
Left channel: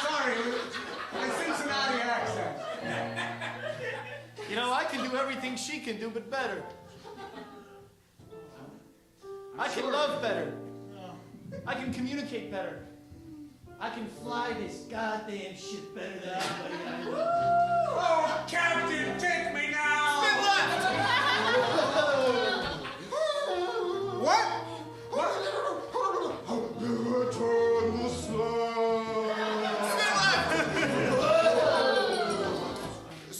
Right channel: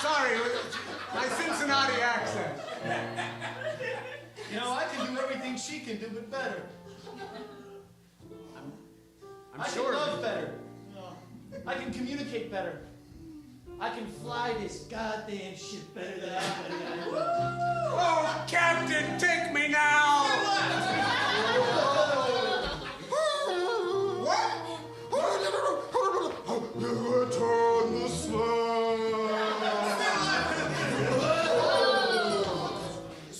Sorry, my Cincinnati accent. You know, I can do everything she can do, but better. I can love better. I can communicate better. I can fly this goddamn shit better than anybody I know. Oh, Captain, take me now! What? Turn the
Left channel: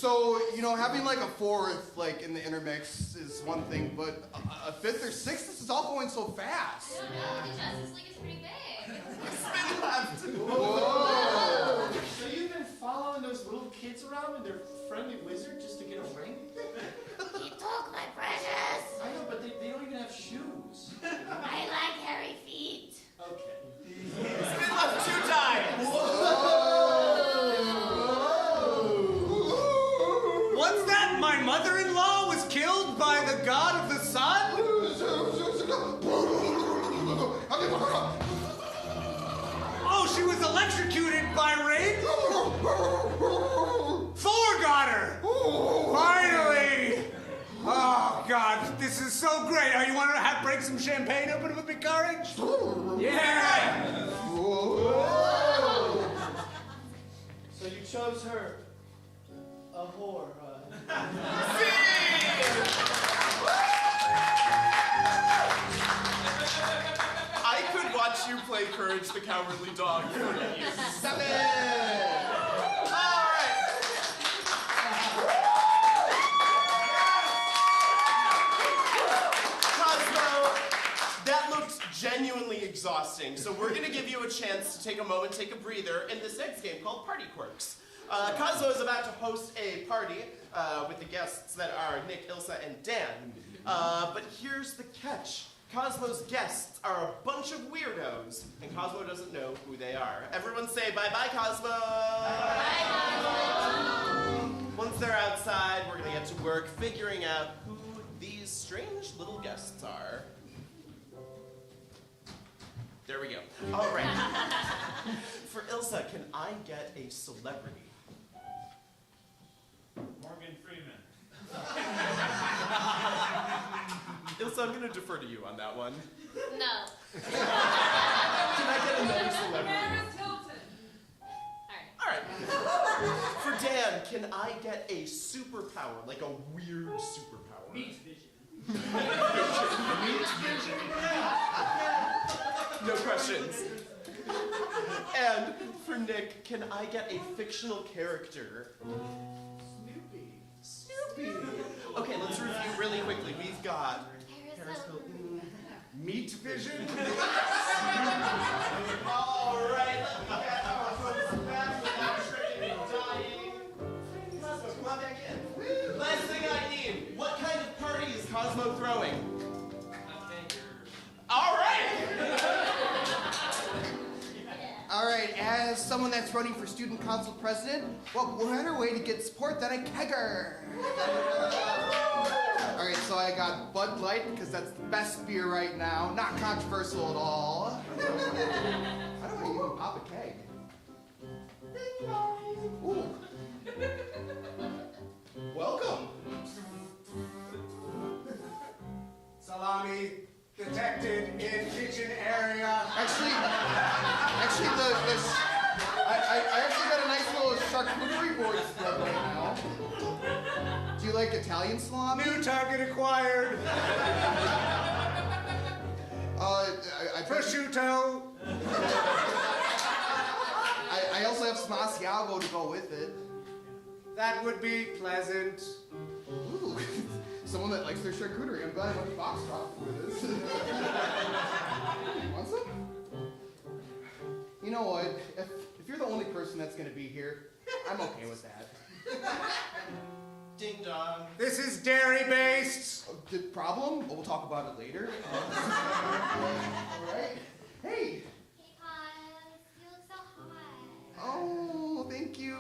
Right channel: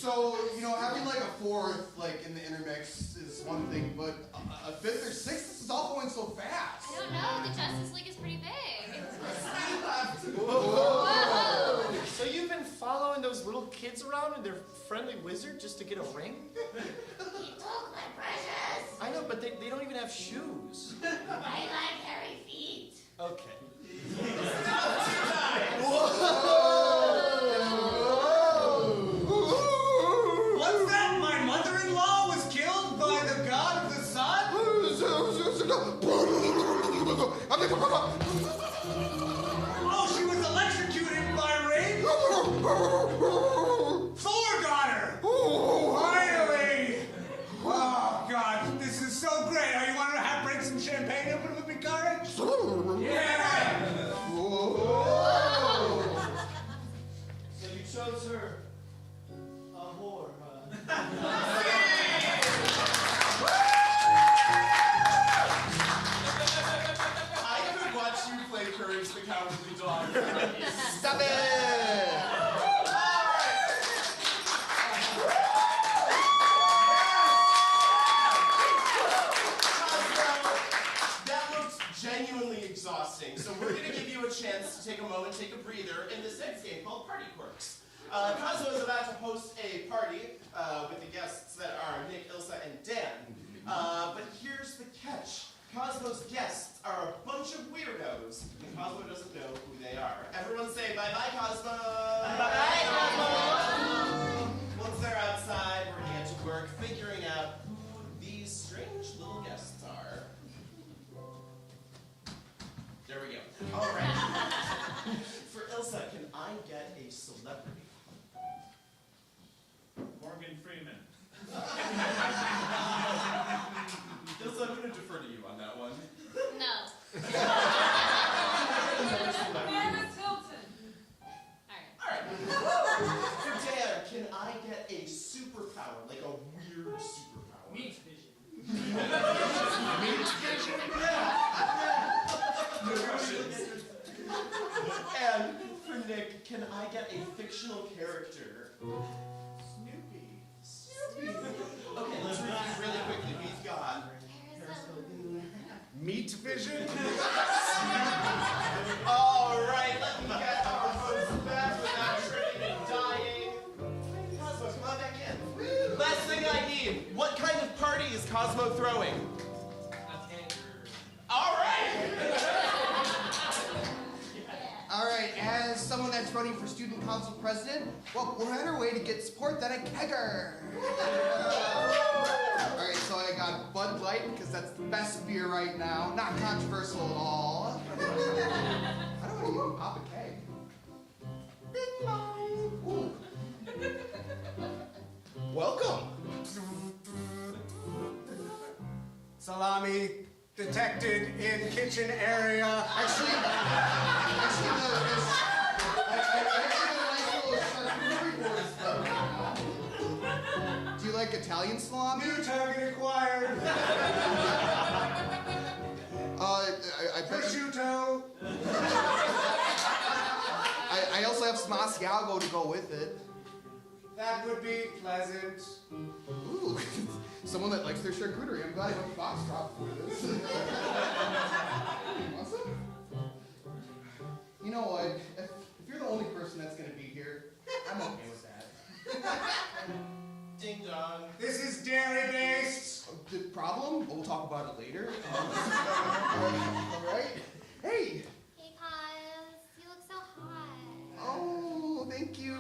So, you know, having like a fourth, like in the intermix is one thing, but a fifth or sixth, this is all going so fast. I don't know, the Justice League is pretty big. Whoa. So you've been following those little kids around and their friendly wizard just to get a ring? He took my precious. I know, but they don't even have shoes. I like hairy feet. Okay. Spin left 2 times. What's that? My mother-in-law was killed by the god of the sun? Oh, she was electrocuted by rain? Thor got her! Finally! Oh, God, this is so great. You want to break some champagne open with me, courage? Yeah! Whoa. So you chose her. A whore, I could watch you play Courage the Cowardly Dog. Stop it! That looked genuinely exhausting, so we're going to give you a chance to take a moment, take a breather in this next game called Party Quirks. Cosmo is about to host a party with the guests that are Nick, Ilsa, and Dan. But here's the catch. Cosmo's guests are a bunch of weirdos, and Cosmo doesn't know who they are. Everyone say bye-bye, Cosmo! Bye-bye, Cosmo! Once they're outside, we're going to get to work figuring out who these strange little guests are. There we go. All right. For Ilsa, can I get a celebrity? Morgan Freeman. Ilsa, I'm going to defer to you on that one. No. Paris Hilton. All right. For Dan, can I get a superpower, like a weird superpower? Meat vision. Meat vision. No questions. And for Nick, can I get a fictional character? Snoopy. Okay, let's review really quickly. We've got Paris Hilton. Meat vision? All right, let me get our host back without tripping and dying. Cosmo throwing. All right. All right, as someone that's running for student council president, well, what better way to get support than a kegger? All right, so I got Bud Light because that's the best beer right now. Not controversial at all. How do I even pop a keg? Ding dong. Ooh. Welcome. Salami detected in kitchen area. Actually, I actually got a nice little charcuterie board spread right now. Do you like Italian salami? New target acquired. Prosciutto. I also have some Asiago to go with it. That would be pleasant. Ooh, someone that likes their charcuterie. I'm glad I went to Foxtrot for this. Want some? You know what? If you're the only person that's going to be here, I'm okay with that. Ding dong. This is dairy-based. The problem? We'll talk about it later. All right. Hey. Hey, Oz. You look so hot. Oh, thank you.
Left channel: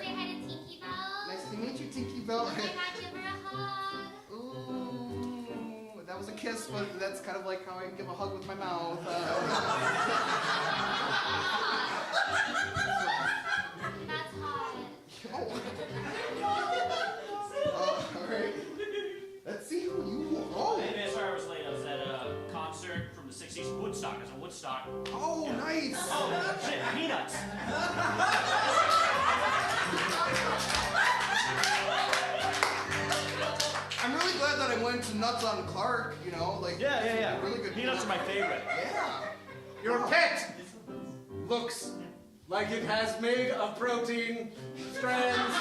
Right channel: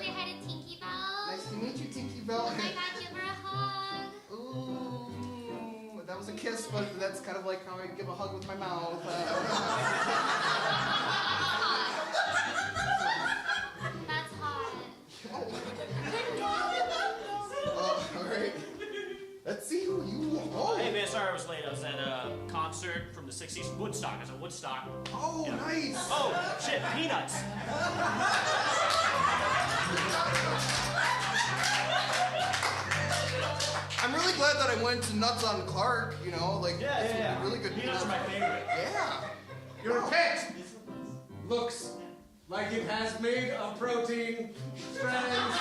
Say hi to Tinky Bell. Nice to meet you, Tinky Bell. Oh my God, give her a hug. Ooh, that was a kiss, but that's kind of like how I give a hug with my mouth. That's hot. All right. Let's see who you are. Hey man, sorry I was late. I was at a concert from the 60s in Woodstock. I was in Woodstock. Oh, Yeah. nice. Oh, shit, peanuts. I'm really glad that I went to Nuts on Clark, you know, like Yeah. really good Peanuts are my favorite. Yeah. Your pet looks like it has made of protein strands.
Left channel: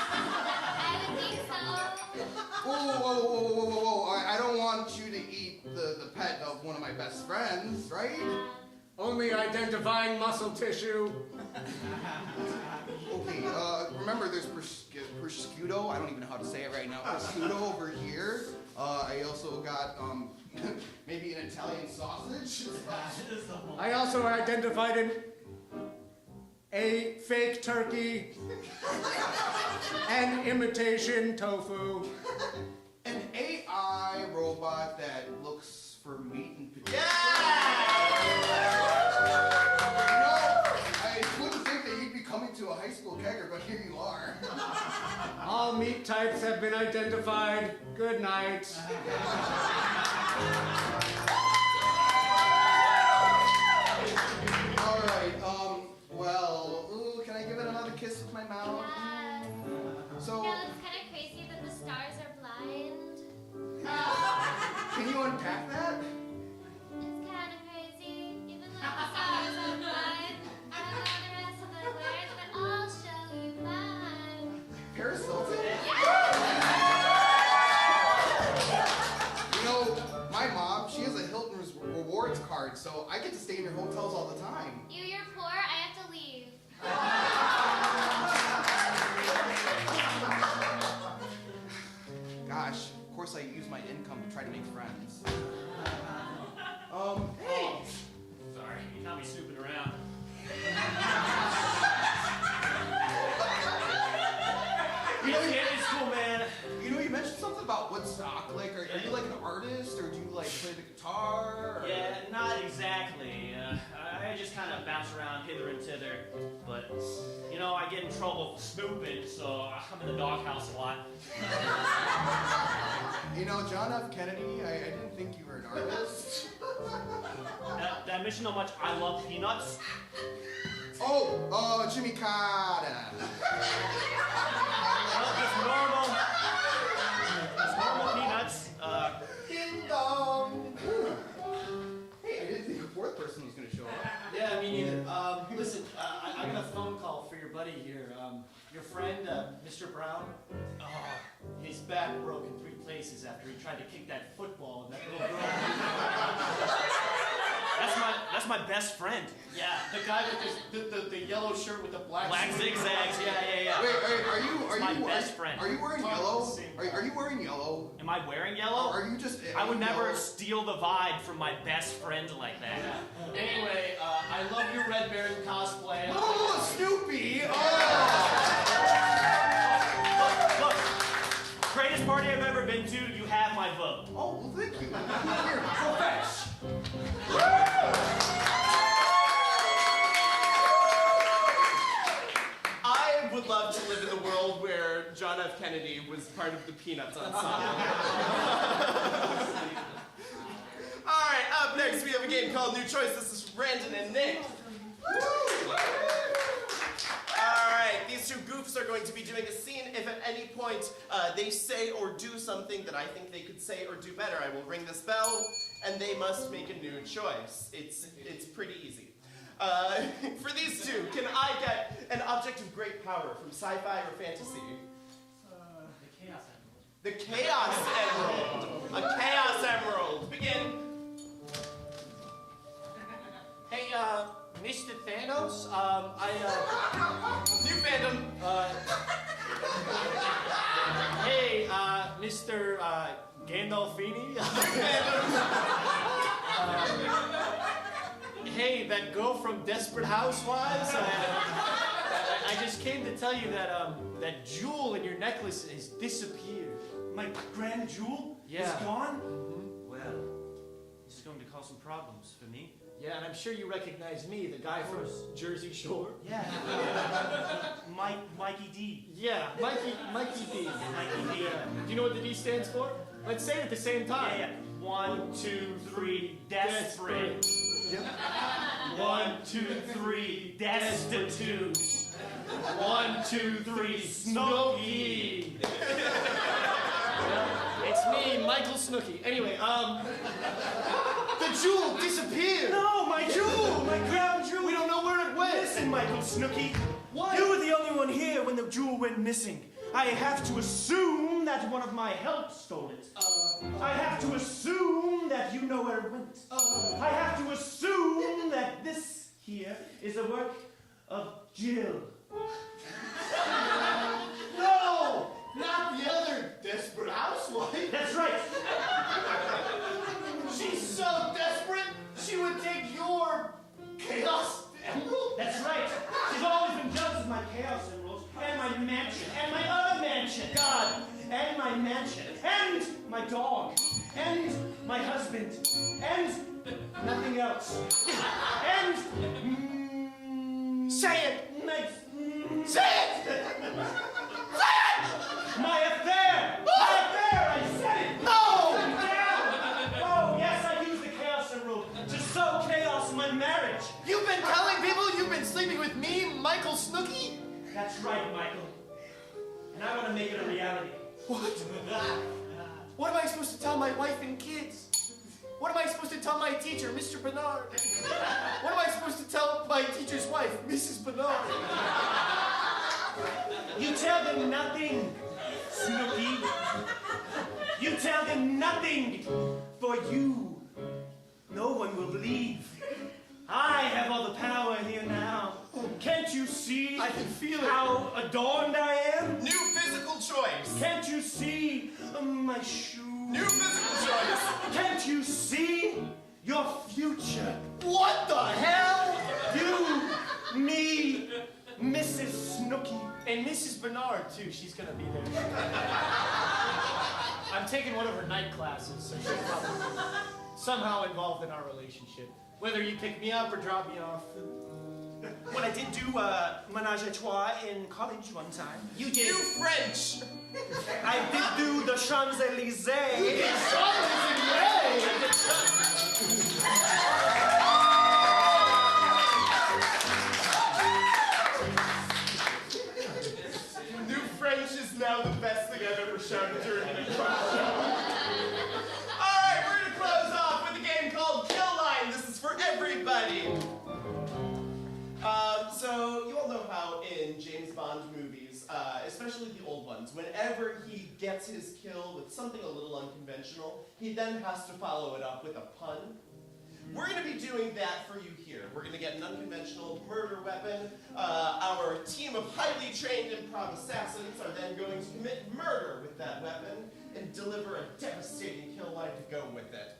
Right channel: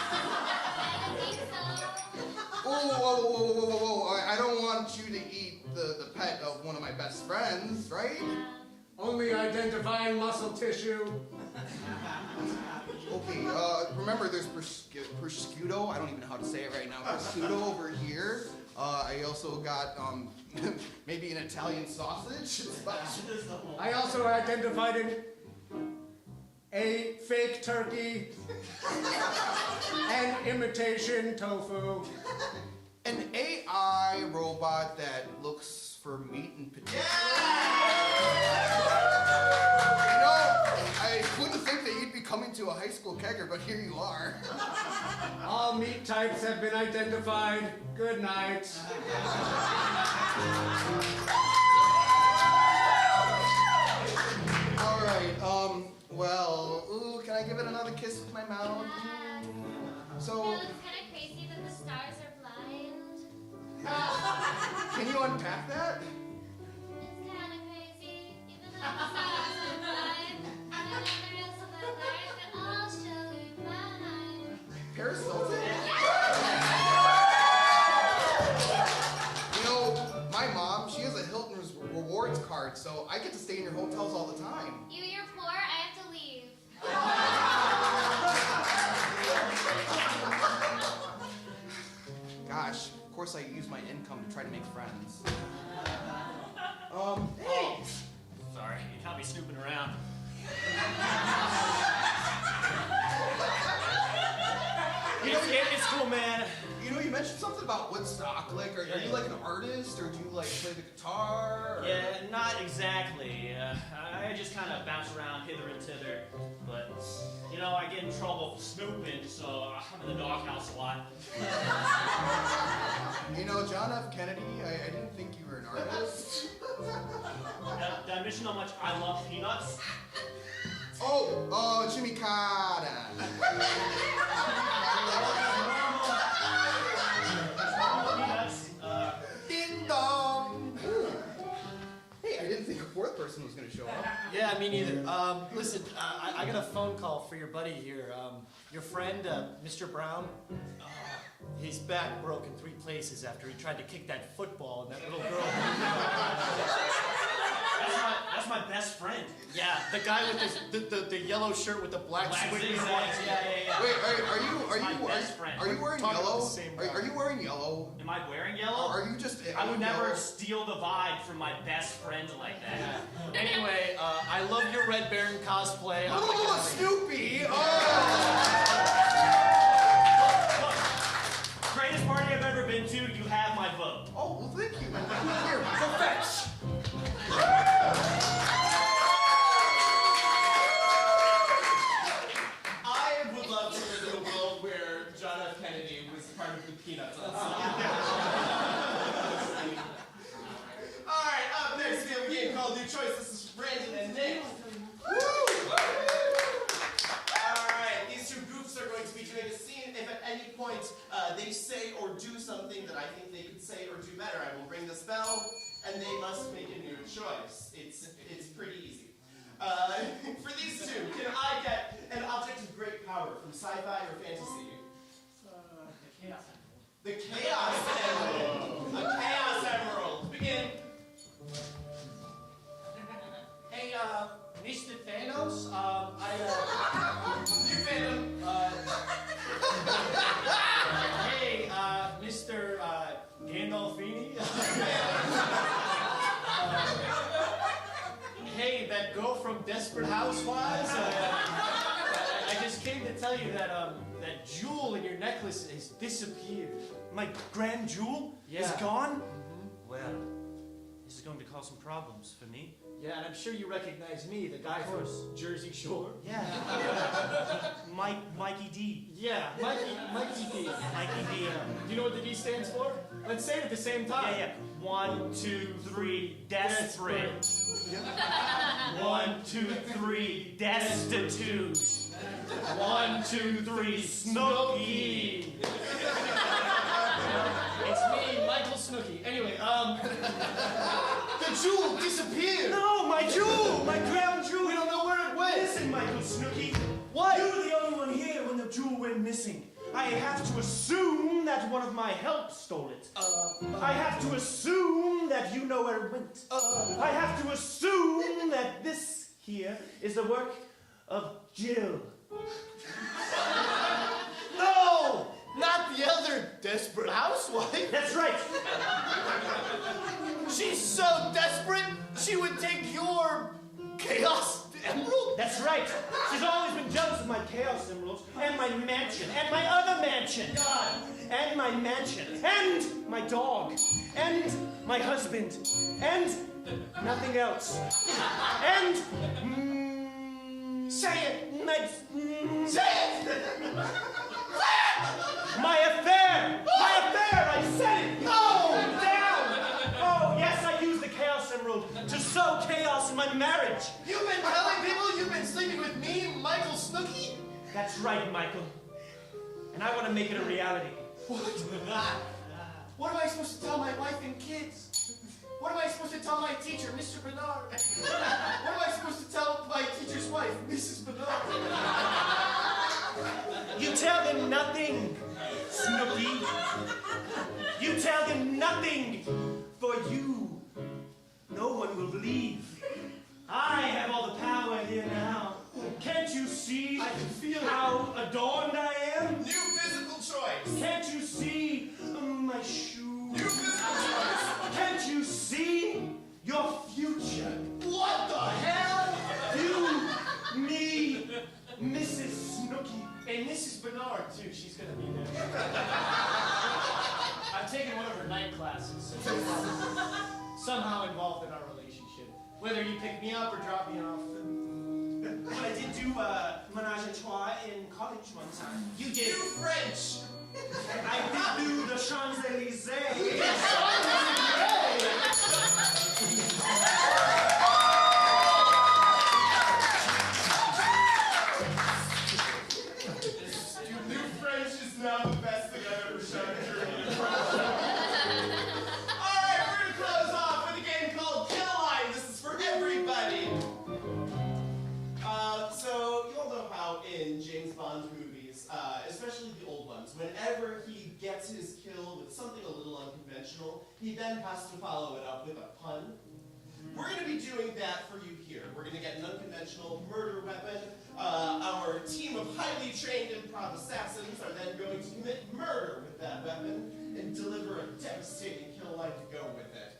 Whoa. I don't want you to eat the pet of one of my best friends, right? Only identifying muscle tissue. Okay, remember there's prosciutto. I don't even know how to say it right now. Prosciutto over here. I also got, maybe an Italian sausage. I also identified a fake turkey, an imitation tofu. An AI robot that looks for meat and potatoes. You know, I wouldn't think that you'd be coming to a high school kegger, but here you are. All meat types have been identified. Good night. All right, well, ooh, can I give it another kiss with my mouth? So, You know, it's kind of crazy that the stars are blind. can you unpack that? It's kind of crazy, even though the stars are blind. I don't know the rest of the words, but I'll show you mine. Paris Hilton? You know, my mom, she has a Hilton rewards card, so I get to stay in your hotels all the time. You're poor, I have to leave. Gosh, of course I use my income to try to make friends. Hey! Sorry, you caught me snooping around. You know, it's cool, man. You know, you mentioned something about Woodstock. Like, are you like an artist, or do you like play the guitar? Or... Yeah, not exactly. I just kind of bounce around hither and thither. But, you know, I get in trouble for snooping, so I'm in the doghouse a lot. You know, John F. Kennedy, I didn't think you were an artist. Did I mention how much I love peanuts? Oh, Jimmy Carter. It's normal peanuts. Ding dong. Ooh. Hey, I didn't think a fourth person was going to show up. Yeah, me neither. Listen, I got a phone call for your buddy here. Your friend, Mr. Brown. His back broke in 3 places after he tried to kick that football and that little girl. That's that's my best friend. Yeah, the guy with the yellow shirt with the black zigzags. Yeah. Wait, are my you best friend. Are you wearing yellow? Are you wearing yellow? Am I wearing yellow? Are you just? I would never steal the vibe from my best friend like that. Yeah. Anyway, I love your Red Baron cosplay. Oh, Snoopy! Look, greatest party I've ever been to, you have my vote. Oh, well, thank you. Here, go fetch. I would love to live in a world where John F. Kennedy was part of the Peanuts ensemble. Alright, up next we have a game called New Choice. This is Brandon and Nick. Alright, these two goofs are going to be doing a scene. If at any point they say or do something that I think they could say or do better, I will ring this bell, and they must make a new choice. It's pretty easy. For these two, can I get an object of great power from sci-fi or fantasy? The Chaos Emerald. A Chaos Emerald. Begin. Hey, Mr. Thanos, New fandom. Hey, Mr. Gandolfini. Hey, that girl from Desperate Housewives. I just came to tell you that that jewel in your necklace has disappeared. My grand jewel Yeah. is gone? Mm-hmm. Well, this is going to cause some problems for me. Yeah, and I'm sure you recognize me, the guy from Jersey Shore. Yeah. Mikey D. Yeah, Mikey D. Mikey D. Do you know what the D stands for? Let's say it at the same time. Yeah. 1, 2, 3, desperate. Yep. 1, 2, 3, destitute. 1, 2, 3, Snooky. It's me, Michael Snooky. Anyway, the jewel disappeared. No, my jewel, my crown jewel. We don't know where it went. Listen, Michael Snooky. What? You were the only one here when the jewel went missing. I have to assume that one of my help stole it. I have to assume that you know where it went. I have to assume that this here is the work of Jill. No! Not the other Desperate Housewife. That's right. She's so desperate, she would take your Chaos Emerald? That's right. She's always been jealous of my Chaos Emeralds, and my mansion, and my other mansion. God, and my mansion, and my dog, and my husband, and nothing else. And say it. Say it. My affair! My affair! I said it! No! Down! Oh, yes, I used the Chaos Emerald to sow chaos in my marriage. You've been telling people you've been sleeping with me, Michael Snooky? That's right, Michael. And I want to make it a reality. What? What am I supposed to tell my wife and kids? What am I supposed to tell my teacher, Mr. Bernard? What am I supposed to tell my teacher's wife, Mrs. Bernard? You tell them nothing, Snooky. You tell them nothing, for you, no one will believe. I have all the power here now. Can't you see? I can feel how adorned I am. New physical choice. Can't you see my shoes? New physical choice. Can't you see your future? What the hell? You, me, Mrs. Snooky. And Mrs. Bernard, too. She's gonna be there. I'm taking one of her night classes, so she's somehow involved in our relationship. Whether you pick me up or drop me off. Well, I did do menage a trois in college one time. You did. New French. I did do the Champs-Élysées. You did Champs-Élysées! New French is now the best thing I've ever shown during an improv show. Alright, we're gonna close off with a game called Kill Line. This is for everybody. So you all know how in James Bond movies, especially the old ones, whenever he gets his kill with something a little unconventional, he then has to follow it up with a pun. We're going to be doing that for you here. We're going to get an unconventional murder weapon. Our team of highly trained improv assassins are then going to commit murder with that weapon and deliver a devastating kill line to go with it.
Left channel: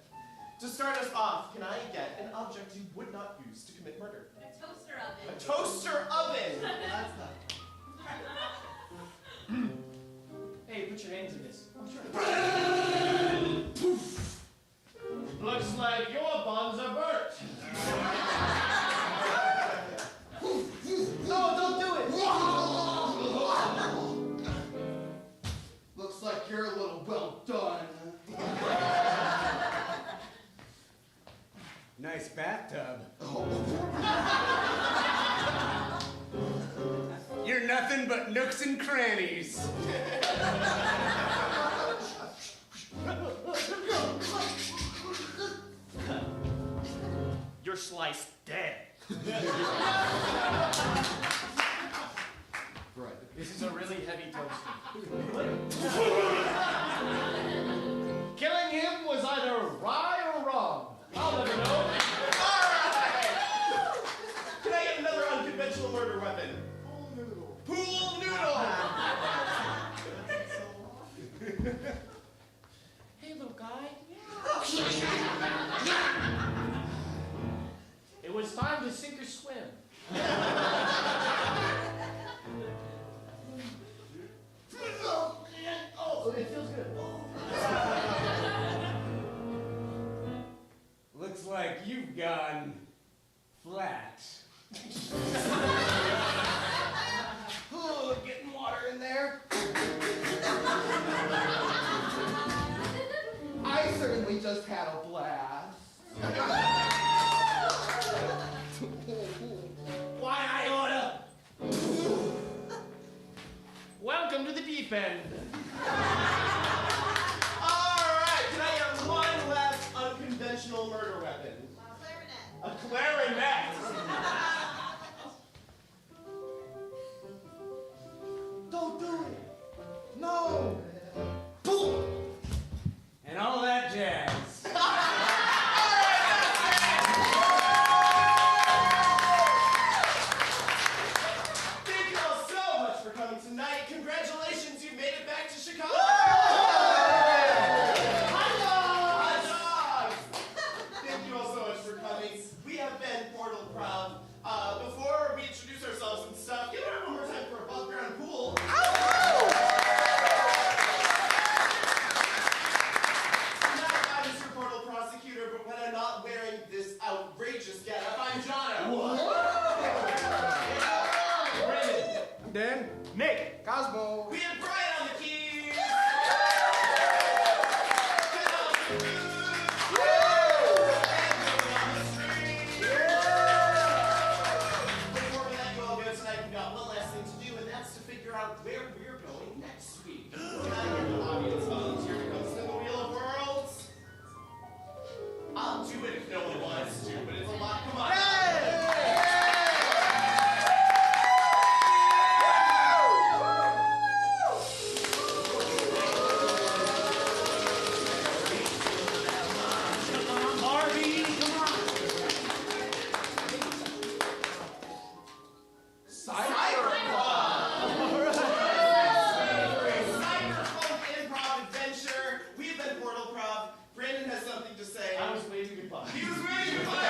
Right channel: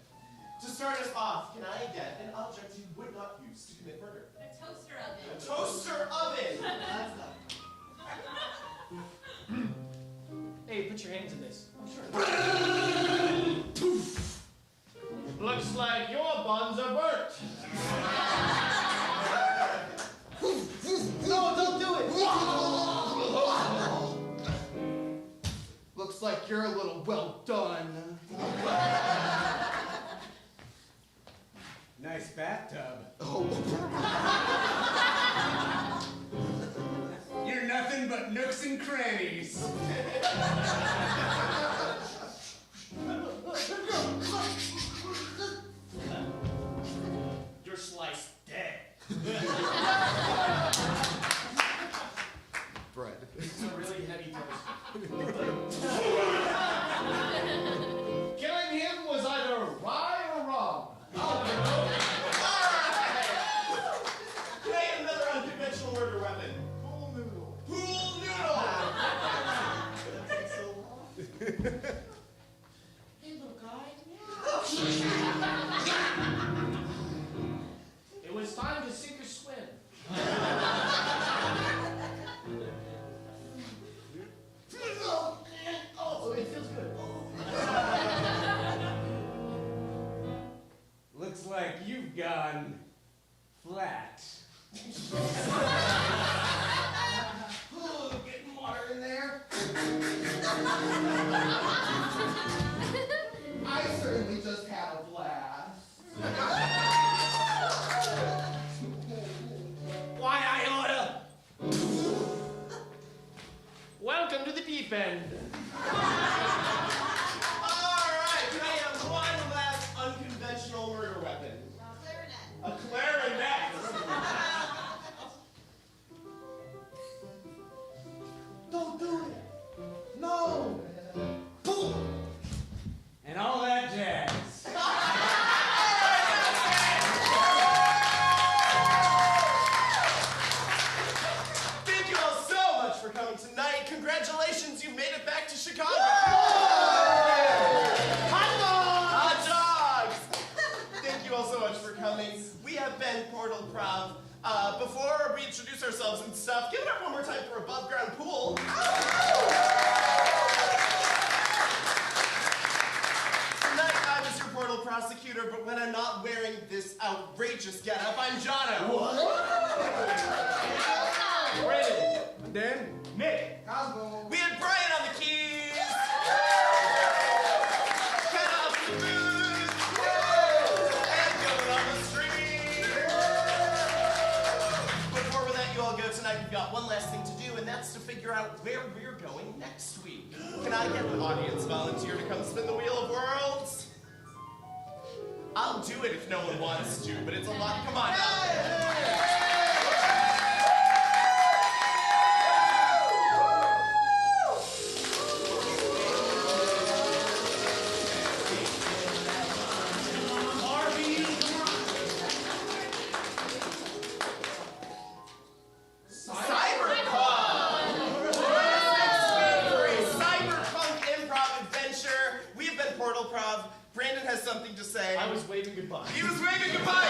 To start us off, can I get an object you would not use to commit murder? A toaster oven. A toaster oven! That's not. Hey, put your hands in this. I'm sure. Looks like your buns are burnt. No, don't do it! Looks like you're a little well done. Nice bathtub. Oh. You're nothing but nooks and crannies. You're sliced dead. Bread. This is a really heavy toaster. Killing him was either right or wrong. I'll never know. Can I get another unconventional murder weapon? Pool noodle. Pool noodle! Hey, little guy. It was time to sink or swim. Oh, it feels good. Looks like you've gone flat. Oh, getting water in there. I certainly just had a blast. Why, I oughta. Welcome to the deep end. Alright, can I have one last unconventional murder weapon? A clarinet. Don't do it. No. Boom. And all that jazz. Thank you all so much for coming tonight. Congratulations, you made it back to Chicago. Hot dogs! Thank you all so much for coming. We have been Portal-Prov. Before we introduce ourselves and stuff, give it up one more time for Above Ground Pool. Tonight I was your Portal prosecutor, but when I'm not wearing this outrageous getup, I'm Jono. Brandon. I'm Dan. Nick. Cosmo. We had Brian on the keys. Ken on the booth. And Dylan on the stream. Before that you all go tonight, we've got one last thing to do, and that's to figure out where we're going next week. Can I get an audience volunteer to come spin the Wheel of Worlds? I'll do it if no one wants to, but it's a lot. Come on. Cyberpunk improv adventure. We've been Portal-Prov. Brandon has something to say. I was waving goodbye. He was waving goodbye.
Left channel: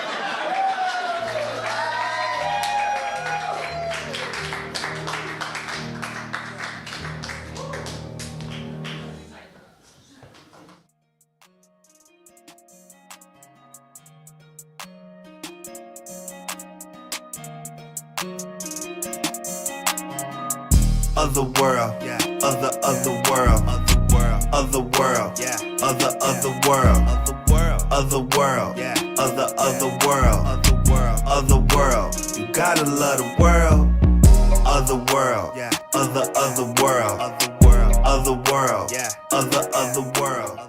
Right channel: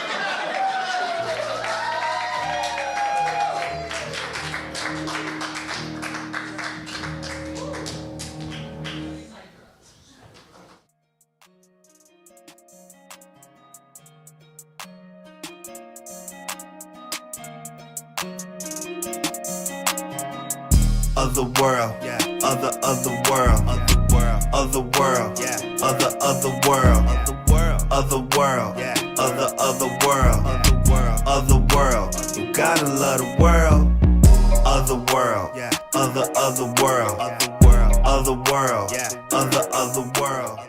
Otherworld, yeah. Otherworld, Otherworld, yeah. Otherworld, Otherworld, yeah. Otherworld. You gotta love the world. Otherworld, yeah. Otherworld, yeah. Otherworld.